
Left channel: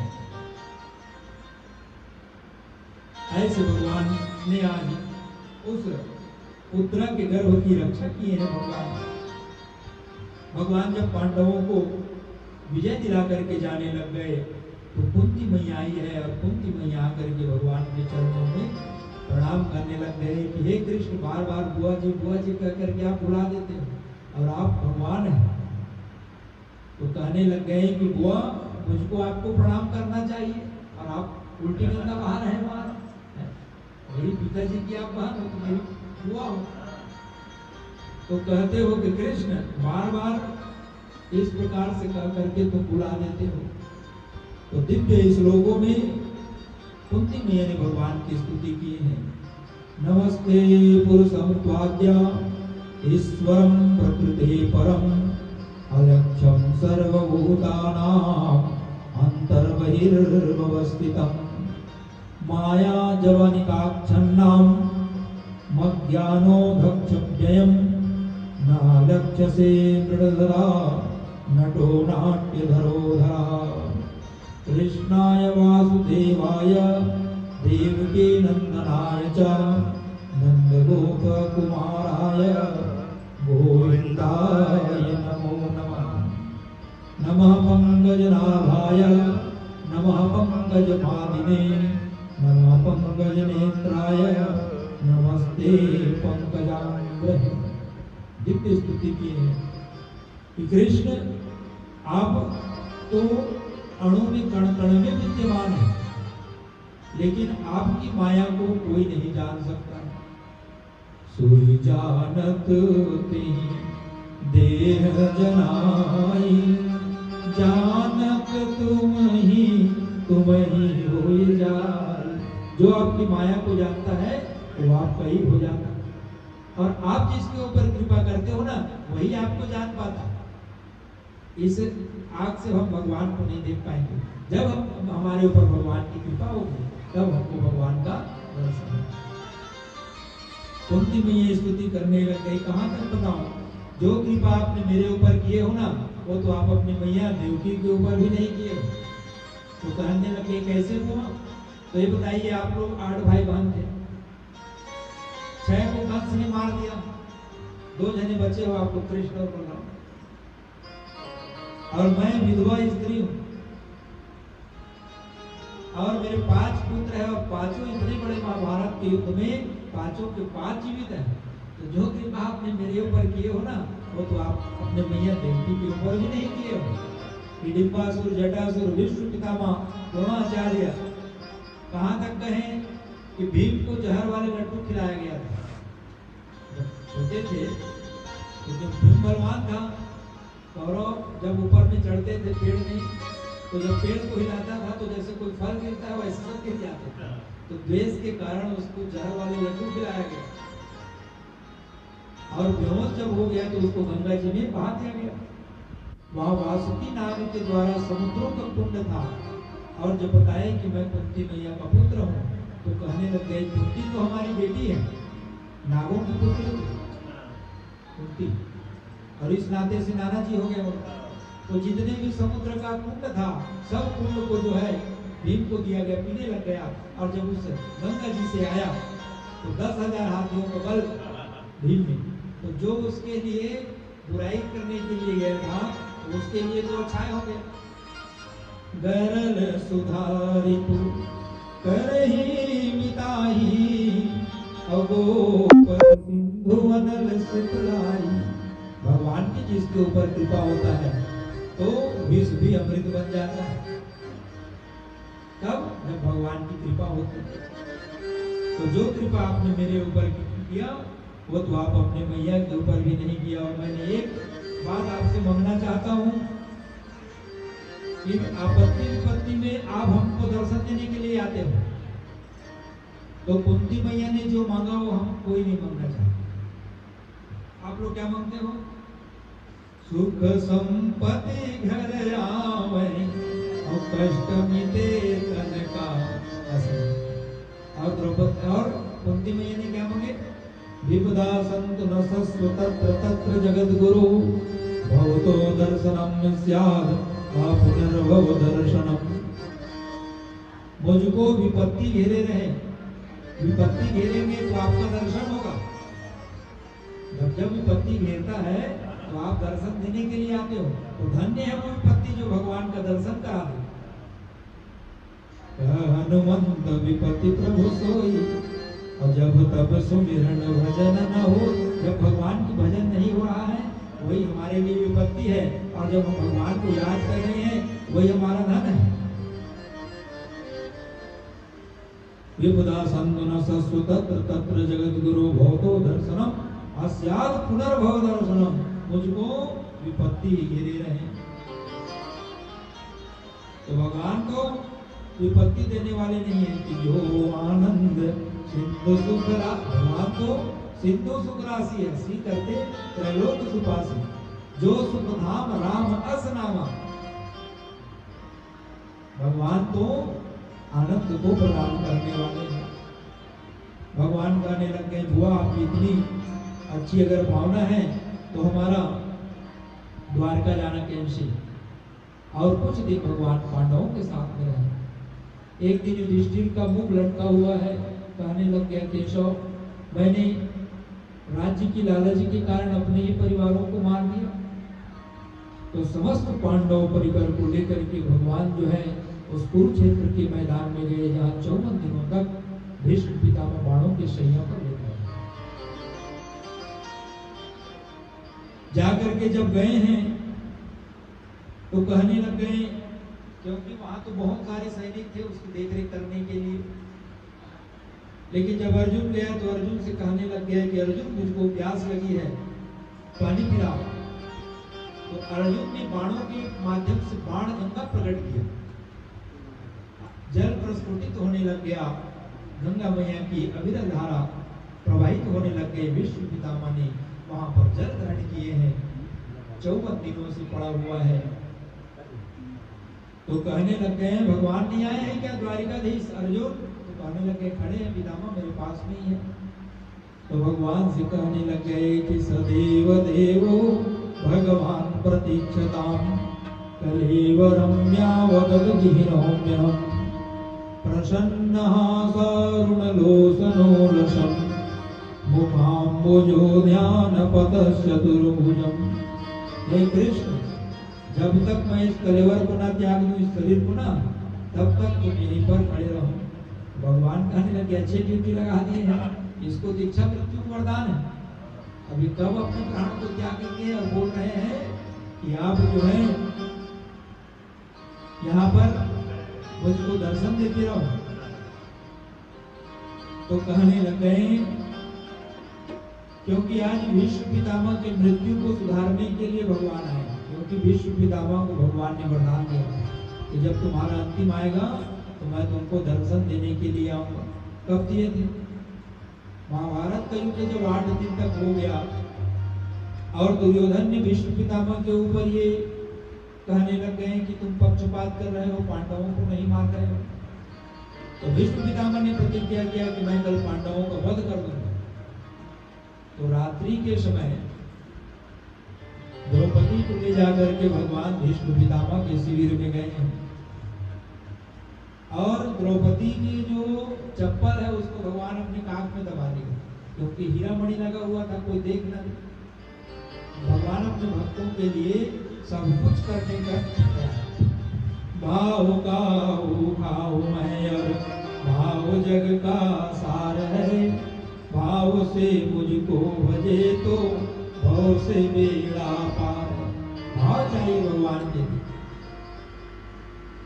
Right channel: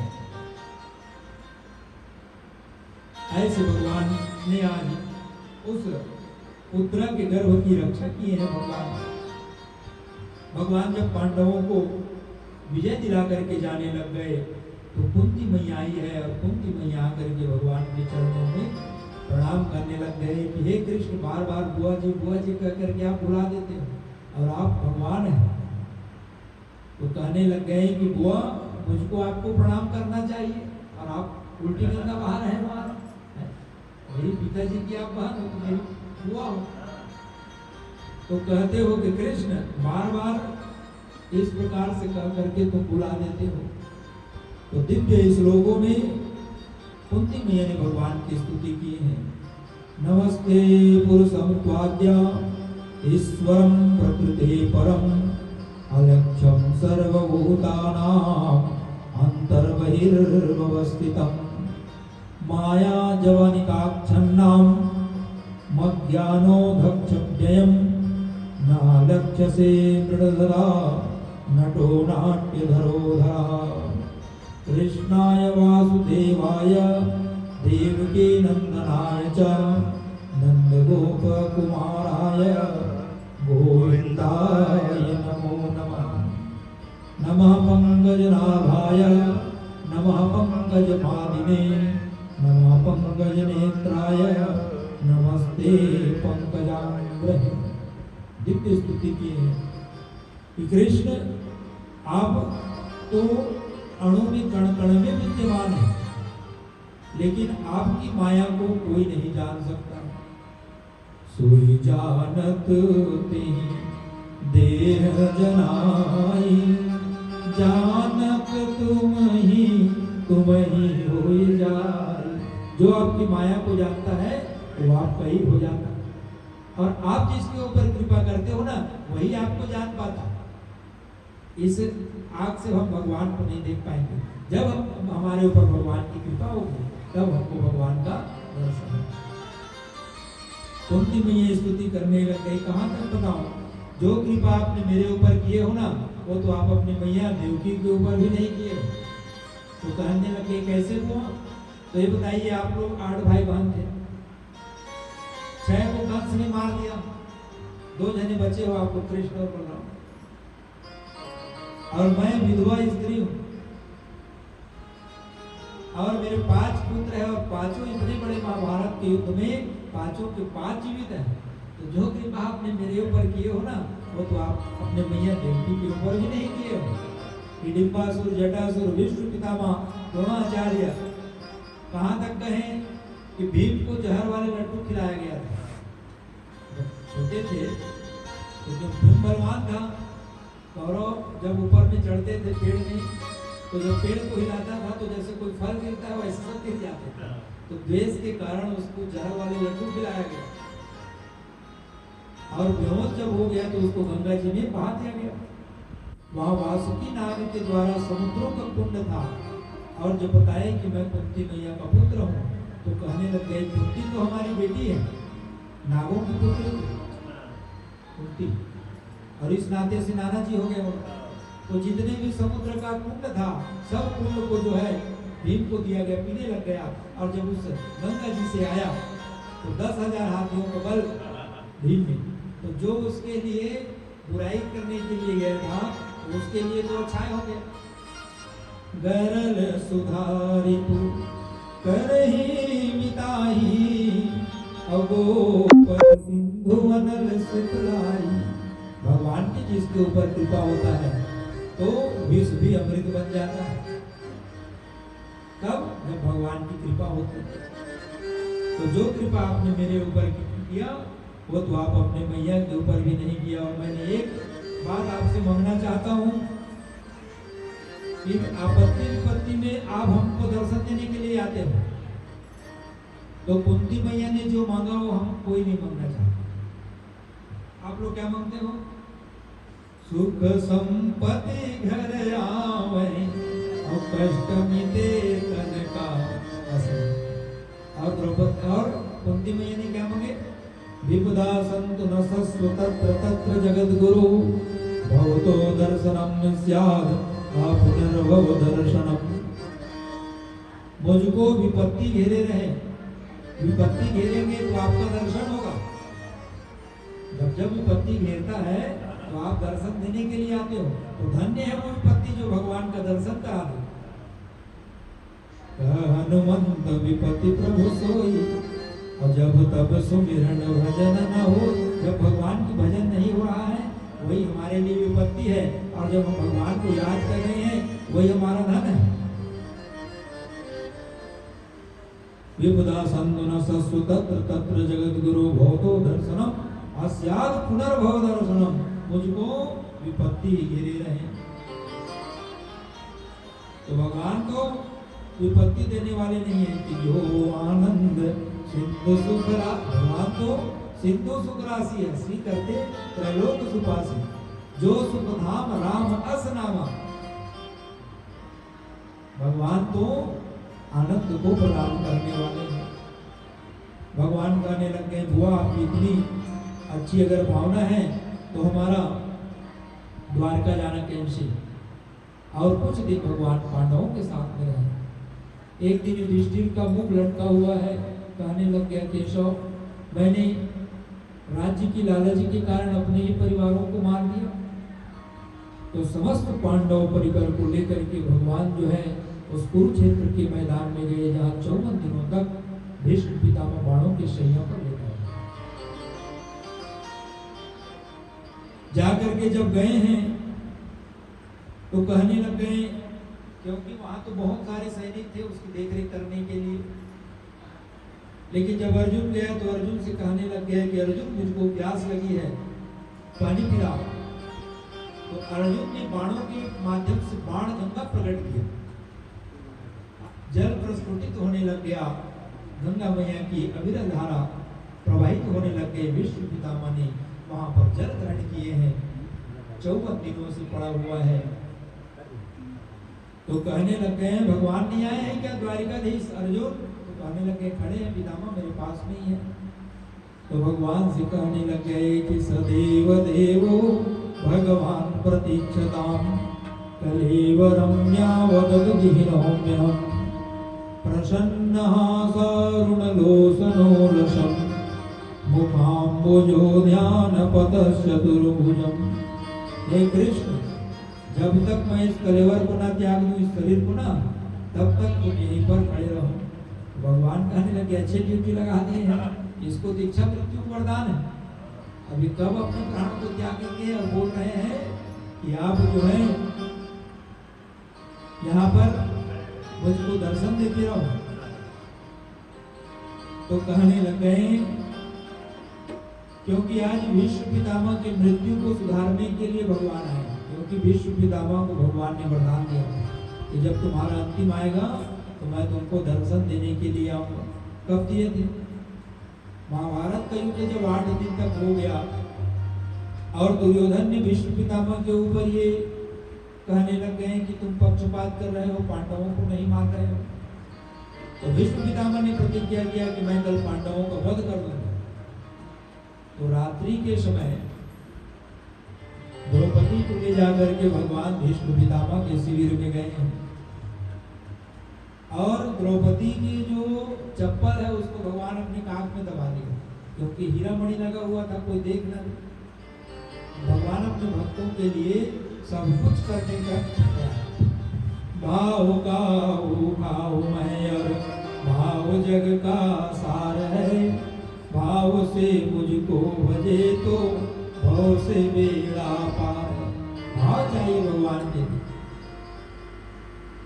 ऐसे भगवान ने आज उस उत्तरा के गर्भ की रक्षा की है। भगवान जब पांडवों को विजय दिला करके जाने लग गए तो कुंती मैया आई है और कुंती मैया आकर के भगवान के चरणों में प्रणाम करने लग गए कि हे कृष्ण, बार बार बुआ जी कह करके आप बुला देते हैं और आप भगवान हैं। तो कहने लग गए कि बुआ, मुझको आपको प्रणाम करना चाहिए और आप उल्टी गंगा बहा रहे हैं। मेरी पिताजी की आप बहन हो, तुम्हारी बुआ हो, तो कहते हो कि कृष्ण बार बार इस प्रकार से कह करके तुम बुला देते हो। तो दिव्य श्लोकों में कुंती मैया ने भगवान की स्तुति की है। नमस्ते पुरुषं त्वाद्य ईश्वरं प्रकृते परम, अलक्ष्यं सर्वभूतानां अंतर्बहिर्वस्थितं, माया जवनिकाच्छन्नां मज्ञानोधक्षव्ययं, न लक्ष्यसे मृडधरा नटो नाट्यधरोधा। कृष्णाय वासुदेवाय देवकी नंदनाय च नंदगोपकुमाराय गोविंदाय नमो नमः। नमः पंकजनाभाय नमः पंकजपादिने नमः पंकजनेत्राय नमस्ते पंकजाग्रहे। दिव्य स्तुति की है कि कृष्ण आप तो अणु में कण कण में विद्यमान है, लेकिन आपकी माया को कोई नहीं जान सकता। सोई जानत ते देह जनाई, जानक तुम ही हो जाई। जो आपकी माया को जानता है वो आपका ही हो जाता है, और आप जिसके ऊपर कृपा करते हो ना वही आपको जान पाता है। इस आंख से हम भगवान को नहीं देख पाएंगे। जब हमारे ऊपर भगवान की कृपा होगी तब हमको भगवान का दर्शन होगा। कुंती मैया स्तुति करने लग गई, कहाँ तक बताऊं, जो कृपा आपने मेरे ऊपर किए हो ना वो तो आप अपनी मैया देवकी के ऊपर भी नहीं किए। तो कहने लगे कैसे हुआ? तो ये बताइए, आप लोग 8 भाई बहन थे, 6 को कंस ने मार दिया, 2 जने बचे हो आपको, कृष्ण और बलराम, और मैं विधवा स्त्री हूं, और मेरे 5 पुत्र हैं और 5 इतने बड़े महाभारत के युद्ध में 5 के 5 जीवित हैं। तो जो कृपा आपने मेरे ऊपर किए हो ना वो तो आप अपने मैया देवकी के ऊपर भी नहीं किए हो। हिडिंबासुर, जटासुर, विष्णु पितामह, द्रोणाचार्य, कहाँ तक कहें कि भीम को जहर वाले लड्डू खिलाया गया था। छोटे थे तो भीम बलवान था, कौरव जब ऊपर में चढ़ते थे पेड़ में, तो जब पेड़ को हिलाता था तो जैसे कोई फल गिरता है वैसे सब गिर जाते थे। तो द्वेष के कारण उसको जहर वाले लड्डू खिलाया गया, और बेहोश जब हो गया तो उसको गंगा जी में बहा दिया गया। वहाँ वासुकी नाग के द्वारा समुद्रों का कुंड था, और जब बताए कि मैं कुंती मैया का पुत्र हूँ तो कहने लगे कुंती तो हमारी बेटी है, नागों के पुत्र कुंती, और इस नाते से नाना जी हो गए। तो जितने भी समुद्र का कुंड था सब कुंड को जो है भीम को दिया गया, पीने लग गया। और जब उस गंगा जी से आया तो 10,000 हाथियों को बल भीम ने, तो जो उसके लिए बुराई करने के लिए गया था तो उसके लिए तो अच्छा हो गया। गरल सुधारिपु करहि मिताहि, अवधूत सिंधु अनल सुखलाई। भगवान की जिसके ऊपर कृपा होता है तो विष भी अमृत बन जाता है। कब? जब भगवान की कृपा होती है। तो जो कृपा आपने मेरे ऊपर किया वो तो आप अपने मैया के ऊपर भी नहीं किया। और मैंने एक बात आपसे मांगना चाहता हूँ, इन आपत्ति विपत्ति में आप हमको दर्शन देने के लिए आते हो, तो कुंती मैया ने जो मांगा वो हम कोई नहीं मांगना चाहते। आप लोग क्या मांगते हो? सुख संपत्ति घर आवे और कष्ट मिटे तन का असर। और द्रौपदी और कुंती मैया ने क्या मांगे? विपदा संत न सस्व तत्र तत्र जगत गुरु भवतो दर्शनम स्याद पुनर्भव दर्शनम। मुझको विपत्ति घेरे रहे, विपत्ति घेरेंगे तो आपका दर्शन होगा। जब विपत्ति घेरता है तो आप दर्शन देने के लिए आते हो। तो धन्य है वो विपत्ति जो भगवान का दर्शन करा दे। हनुमंत विपत्ति प्रभु सोई, और जब तब सुमिरन भजन न हो। जब भगवान की भजन नहीं हो रहा है वही हमारे लिए विपत्ति है, और जब हम भगवान को याद कर रहे हैं वही हमारा धन है। विपदा संतन सस्व तत्र तत्र जगत गुरु भवतो दर्शनम अस्याद पुनर्भव दर्शनम। मुझको विपत्ति घेरे रहे। तो भगवान को विपत्ति देने वाले नहीं है कि जो आनंद सिंधु सुख भगवान तो सिंधु सुख राशि है, सी करते त्रैलोक सुपासी। जो सुख धाम राम अस नामा। भगवान तो आनंद को प्रदान करने वाले हैं। भगवान कहने लग गए, बुआ आपकी इतनी अच्छी अगर भावना है तो हमारा द्वारका जाना कैसे। और कुछ दिन भगवान पांडवों के साथ में रहे। एक दिन युधिष्ठिर का मुंह लटका हुआ है, कहने लग गया, केशव मैंने राज्य की लालच के कारण अपने ही परिवारों को मार दिया। तो समस्त पांडव परिवार को लेकर के भगवान जो है उस कुरुक्षेत्र के मैदान में गए, जहाँ 54 दिनों तक भीष्म पितामह बाणों के शैया पर लेटा। जाकर के जब गए हैं तो कहने लग गए, क्योंकि वहां तो बहुत सारे सैनिक थे उसकी देखरेख करने के लिए। लेकिन जब अर्जुन गया तो अर्जुन से कहने लग गया कि अर्जुन मुझको प्यास लगी है, पानी पिलाओ। तो अर्जुन ने बाणों के माध्यम से बाण गंगा प्रकट किया, जल प्रस्फुटित होने लग गया, गंगा मैया की अविरल धारा प्रवाहित होने लग गई। विष्णु पितामह ने वहां पर जल ग्रहण किए हैं, 54 दिनों से पड़ा हुआ है। तो कहने लग गए, भगवान नहीं आए हैं क्या द्वारिकाधीश अर्जुन? तो कहने लग गए, खड़े हैं पितामह, मेरे पास नहीं है। तो भगवान से कहने लग गए कि सदैव देवो भगवान प्रतीक्षताम कलेव रम्यावदतु जिह्नोम्यहम् प्रसन्नः सारुणलोचनो लसन् मुखाम्बुजो ध्यानपतश्चतुर्भुजम्। हे कृष्ण, जब तक मैं इस कलेवर को ना त्याग दूं, इस शरीर को ना, तब तक तुम यहीं पर खड़े रहो। भगवान कहने लगे, अच्छे ड्यूटी लगा दी है, इसको दीक्षा मृत्यु को वरदान है। अभी कब अपने प्राण को त्याग करते हैं और बोल रहे हैं कि आप जो है यहाँ पर मुझको दर्शन देते रहो। तो कहने लग गए, क्योंकि आज भीष्म पितामह की मृत्यु को सुधारने के लिए भगवान आए। क्योंकि भीष्म पितामह को भगवान ने वरदान दिया कि जब तुम्हारा अंतिम आएगा तो मैं तुमको दर्शन देने के लिए आऊंगा। कब दिए थे? महाभारत का युद्ध जब 8 दिन तक हो गया और दुर्योधन ने भीष्म पितामह के ऊपर ये कहने लग गए कि तुम पक्षपात कर रहे हो, पांडवों को नहीं मार रहे हो। तो भीष्म पितामह ने प्रतिज्ञा किया कि मैं कल पांडवों को वध कर दूंगा। तो रात्रि के समय द्रौपदी को ले जाकर के भगवान भीष्म पितामह के शिविर में गए हैं और द्रौपदी की जो चप्पल है उसको भगवान अपने कान में दबा दिया, क्योंकि हीरा मणि लगा हुआ था, कोई देख न ले। भगवान अपने भक्तों के लिए सब कुछ करने का भाव का भाव मैं और भाव जग का सार है, से मुझको भजे तो भव से बेड़ा पार। भाव चाहिए भगवान के।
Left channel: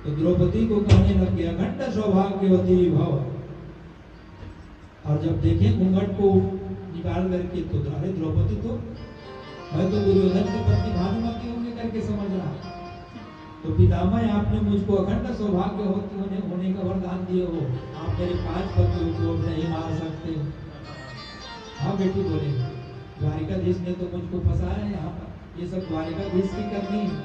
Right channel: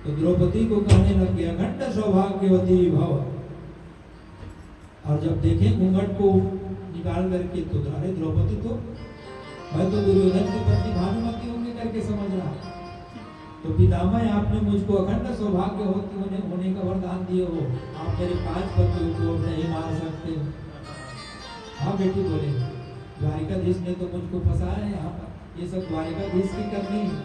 तो द्रौपदी को कहने लग गया घंटा सौभाग्यवती भव। और जब देखे घूंघट को निकाल करके तो अरे द्रौपदी तो मैं तो दुर्योधन की पत्नी भानुमति होंगे करके समझ रहा। तो पितामह आपने मुझको अखंड सौभाग्यवती होने का वरदान दिए हो, आप मेरे 5 पतियों को नहीं मान सकते। हाँ बेटी बोले द्वारिकाधीश ने तो मुझको फंसाया है यहाँ पर, ये सब द्वारिकाधीश की करनी है।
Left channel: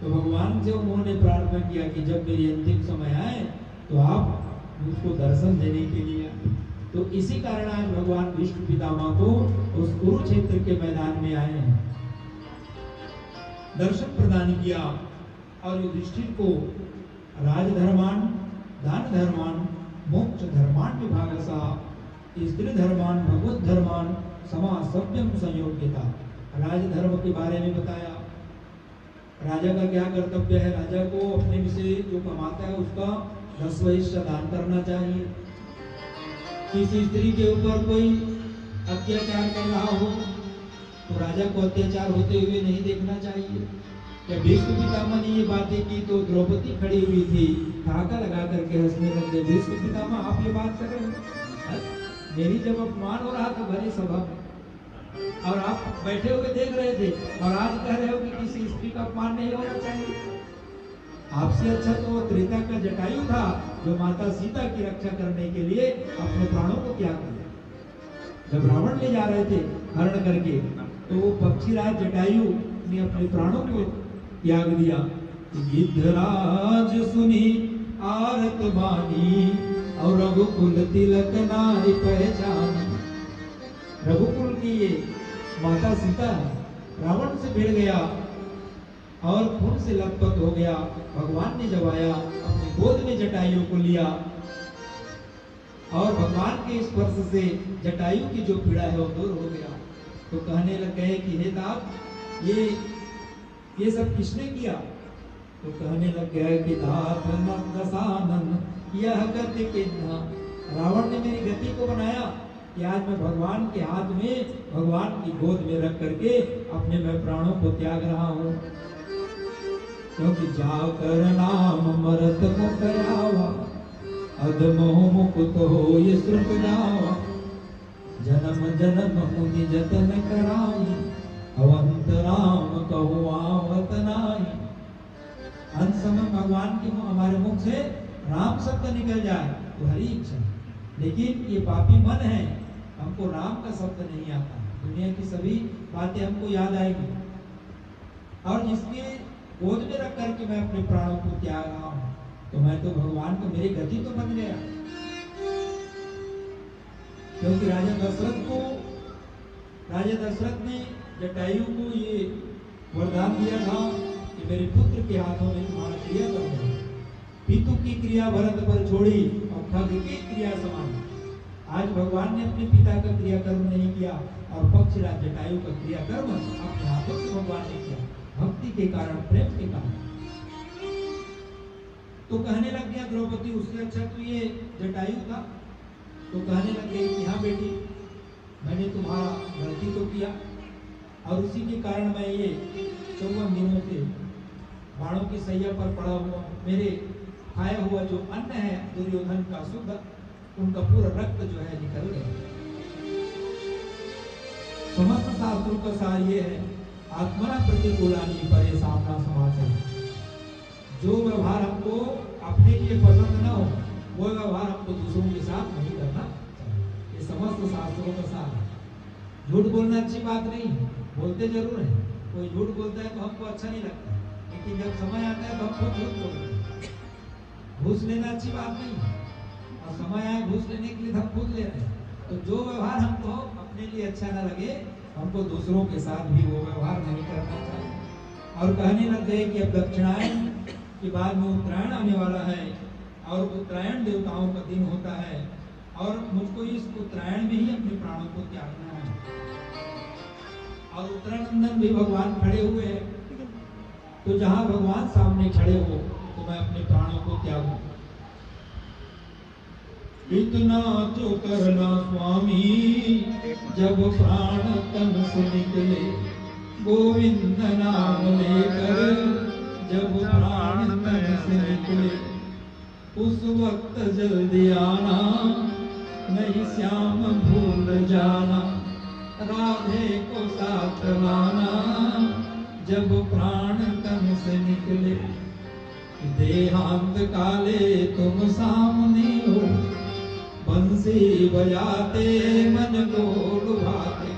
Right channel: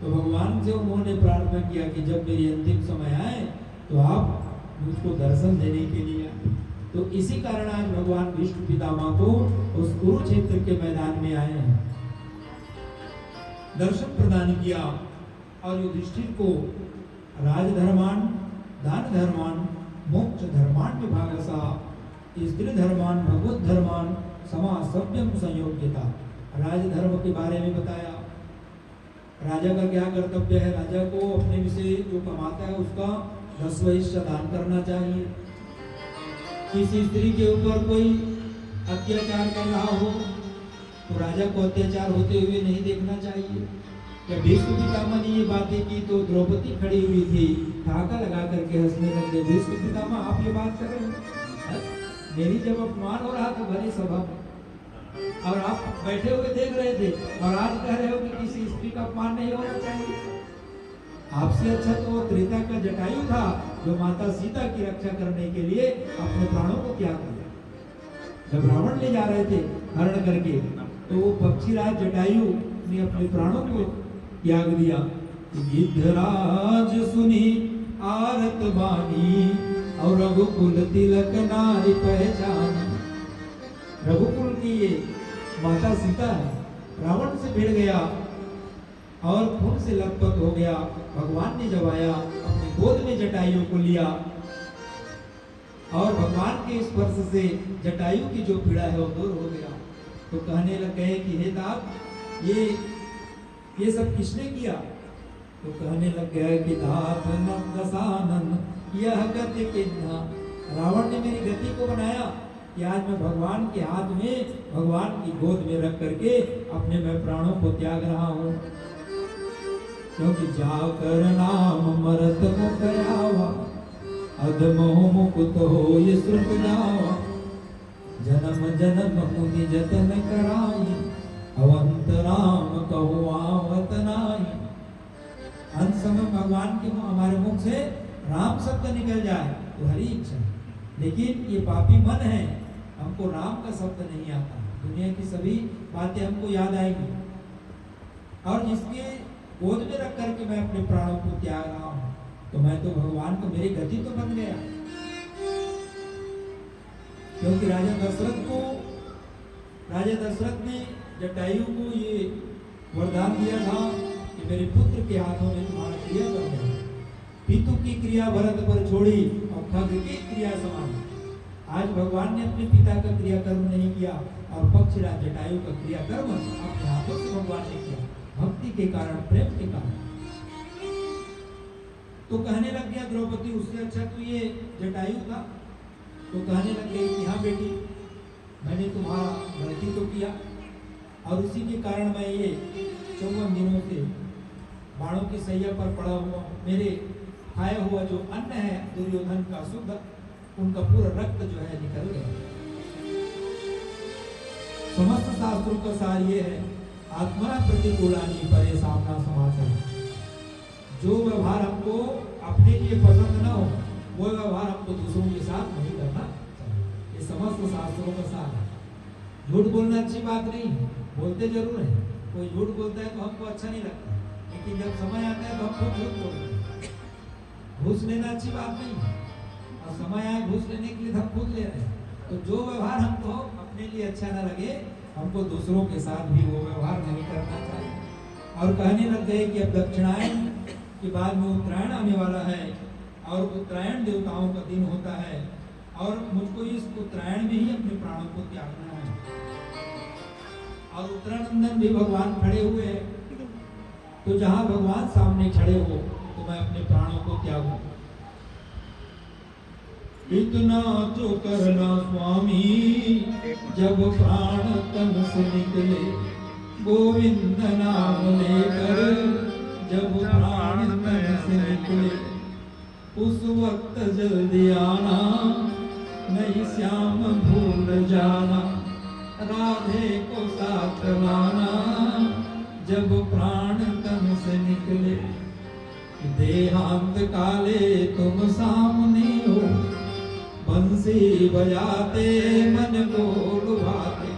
तो भगवान से उन्होंने प्रार्थना किया कि जब मेरी अंतिम समय आए तो आप मुझको दर्शन देने के लिए। तो इसी कारण आज भगवान विष्णु पितामह को उस कुरुक्षेत्र के मैदान में आए हैं, दर्शन प्रदान किया और युधिष्ठिर को राजधर्मान, दान धर्मान, मोक्ष धर्मान विभागसा, स्त्री धर्मान, भगवत धर्मान, समा सभ्यम संयोग्यता। राजधर्म के बारे में बताया, राजा का क्या कर्तव्य है। राजा को अपने विषय जो कमाता है उसका 10वां हिस्सा दान करना चाहिए। किसी स्त्री के ऊपर कोई अत्याचार कर रहा हो तो राजा को अत्याचार होते हुए नहीं देखना चाहिए। जब भीष्म पितामह ने ये बातें की तो द्रौपदी खड़ी हुई थी, ठहाका लगा करके हंसने लगे। भीष्म पितामह आप ये बात कर रहे हैं, मेरी जब अपमान हो रहा था भरे सभा में और आप बैठे हुए देख रहे थे, और आज कह रहे हो कि किसी स्त्री का अपमान नहीं होना चाहिए। आपसे अच्छा तो वो त्रेता का जटायु था जो माता सीता की रक्षा करने के लिए अपने प्राणों को त्याग दिया। जब रावण ले जा रहे थे हरण करके तो वो पक्षीराज जटायु ने अपने प्राणों को त्याग दिया। गिद्धराज सुनी आरत बानी और रघुकुल तिलक नारी पहचानी। रघुकुल की ये माता सीता रावण से भिड़ गया और खून से लथपथ हो गया। भगवान ने जब आया अपनी गोद में जटायु को लिया और भगवान के स्पर्श से जटायु की जो पीड़ा है वो दूर हो गया। तो कहने लग गए कि हे दात ये सब किसने किया। तो कहने लग गया कि दातन दसानन यह गति किन्हा। रावण ने मेरी गति को बनाया कि आज मैं भगवान के हाथ में, भगवान की गोद में रख करके अपने मैं प्राणों को त्याग रहा हूँ। क्योंकि जाकर नाम मरत मुकयावा अधमोह मुकुत हो ये सुख जावा। जन्म जन्म मुनि जतन कराई अवंत राम कहु आमत नाई। अंत समय भगवान के हमारे मुख से राम शब्द निकल जाए तो हरी इच्छा, लेकिन ये पापी मन है, हमको राम का शब्द नहीं आता। दुनिया की सभी बातें हमको याद आएंगी और जिसके गोद में रख करके मैं अपने प्राणों को त्याग रहा हूं, तो मैं तो भगवान को मेरी गति तो बन गया। क्योंकि राजा दशरथ ने जटायु को ये वरदान दिया था कि मेरे पुत्र के हाथों में तुम्हारा क्रिया बन गया। पितु की क्रिया भरत पर छोड़ी और खग की क्रिया समान। आज भगवान ने अपने पिता का क्रियाकर्म नहीं किया और पक्षराज जटायु का क्रियाकर्म अपने हाथों से भगवान ने किया, भक्ति के कारण, प्रेम के कारण। तो कहने लग गया द्रौपदी उससे अच्छा तो ये जटायु था। तो कहने लग गई कि हाँ बेटी मैंने तुम्हारा गलती तो किया और उसी के कारण मैं ये 54 दिनों से बाणों की सैया पर पड़ा हुआ। मेरे खाया हुआ जो अन्न है दुर्योधन का शुद्ध, उनका पूरा रक्त जो है निकल गया। समस्त शास्त्रों का सार ये है आत्मा प्रतिकूलानी परे सामना समाचार। जो व्यवहार हमको अपने लिए पसंद ना हो वो व्यवहार हमको दूसरों के साथ नहीं करना चाहिए। ये समस्त शास्त्रों का सार है। झूठ बोलना अच्छी बात नहीं है, बोलते जरूर है। कोई झूठ बोलता है तो हमको अच्छा नहीं लगता, लेकिन जब समय आता है तो हमको झूठ बोलते हैं। घूस लेना अच्छी बात नहीं है और समय आया घूस लेने के लिए हम खुद ले रहे हैं। तो जो व्यवहार हमको अपने लिए अच्छा न लगे हमको दूसरों के साथ भी वो व्यवहार नहीं करना चाहिए। और कहने लग गए कि अब दक्षिणायन के बाद में उत्तरायण आने वाला है और उत्तरायण देवताओं का दिन होता है और मुझको इस उत्तरायण में ही अपने प्राणों को त्यागना है। और उत्तरानंदन भी भगवान खड़े हुए हैं, तो जहां भगवान सामने खड़े हो तो मैं अपने प्राणों को त्यागूं। इतना तो करना स्वामी जब प्राण तन से निकले, गोविंद नाम लेकर जब प्राण तन से निकले, उस वक्त जल्दी आना नहीं श्याम भूल जाना, राधे को साथ लाना जब प्राण तन से निकले। देहांत काले तुम सामने हो, बंसी बजाते मन को लुभाते,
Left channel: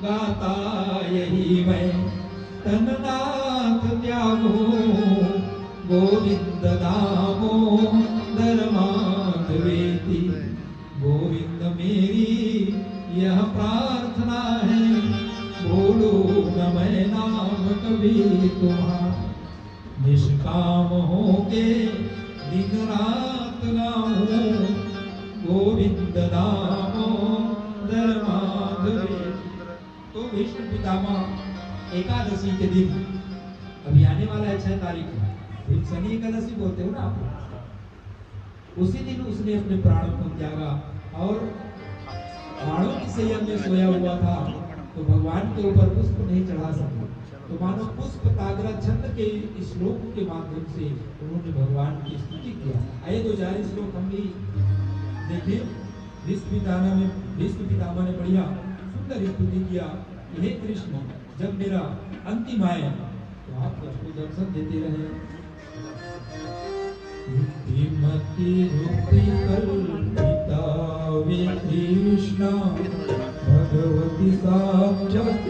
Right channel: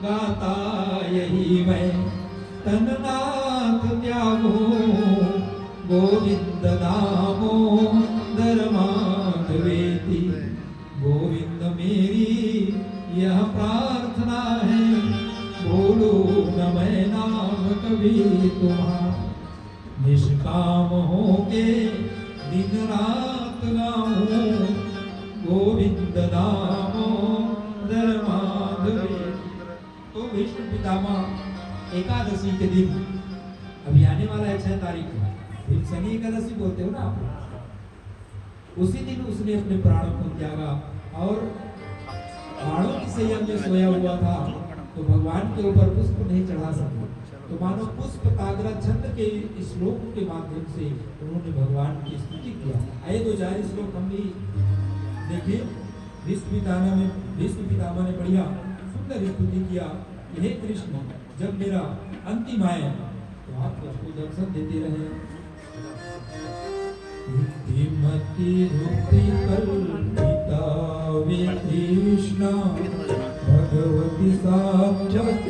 गाता यही मैं तननाथ त्यागो, गोविंद नामो धर्माधवेति। गोविंद मेरी यह प्रार्थना है, बोलो न मैं नाम कभी तुम्हारा, निष्काम होके दिन रात गाऊं, गोविंद नामो धर्माधवे। तो विष्णु पितामह एकादशी के दिन, अभी आने वाला है 6 तारीख को, भीमसनी एकादशी बोलते हो ना आप, उसी दिन उसने अपने प्राण को त्यागा और प्राणों की सैया में सोया हुआ था, तो भगवान के ऊपर पुष्प नहीं चढ़ा सकते, तो मानो पुष्प ताग्रा छंद के श्लोक के माध्यम से उन्होंने भगवान की स्तुति किया। आइए 2 4 श्लोक हम भी देखिए। भीष्म पितामह ने बढ़िया सुंदर स्तुति किया, हे कृष्ण जब मेरा अंतिम आए तो आप सबको दर्शन देते रहे। मति मुक्ति कल्पिता कृष्ण भगवती साक्षात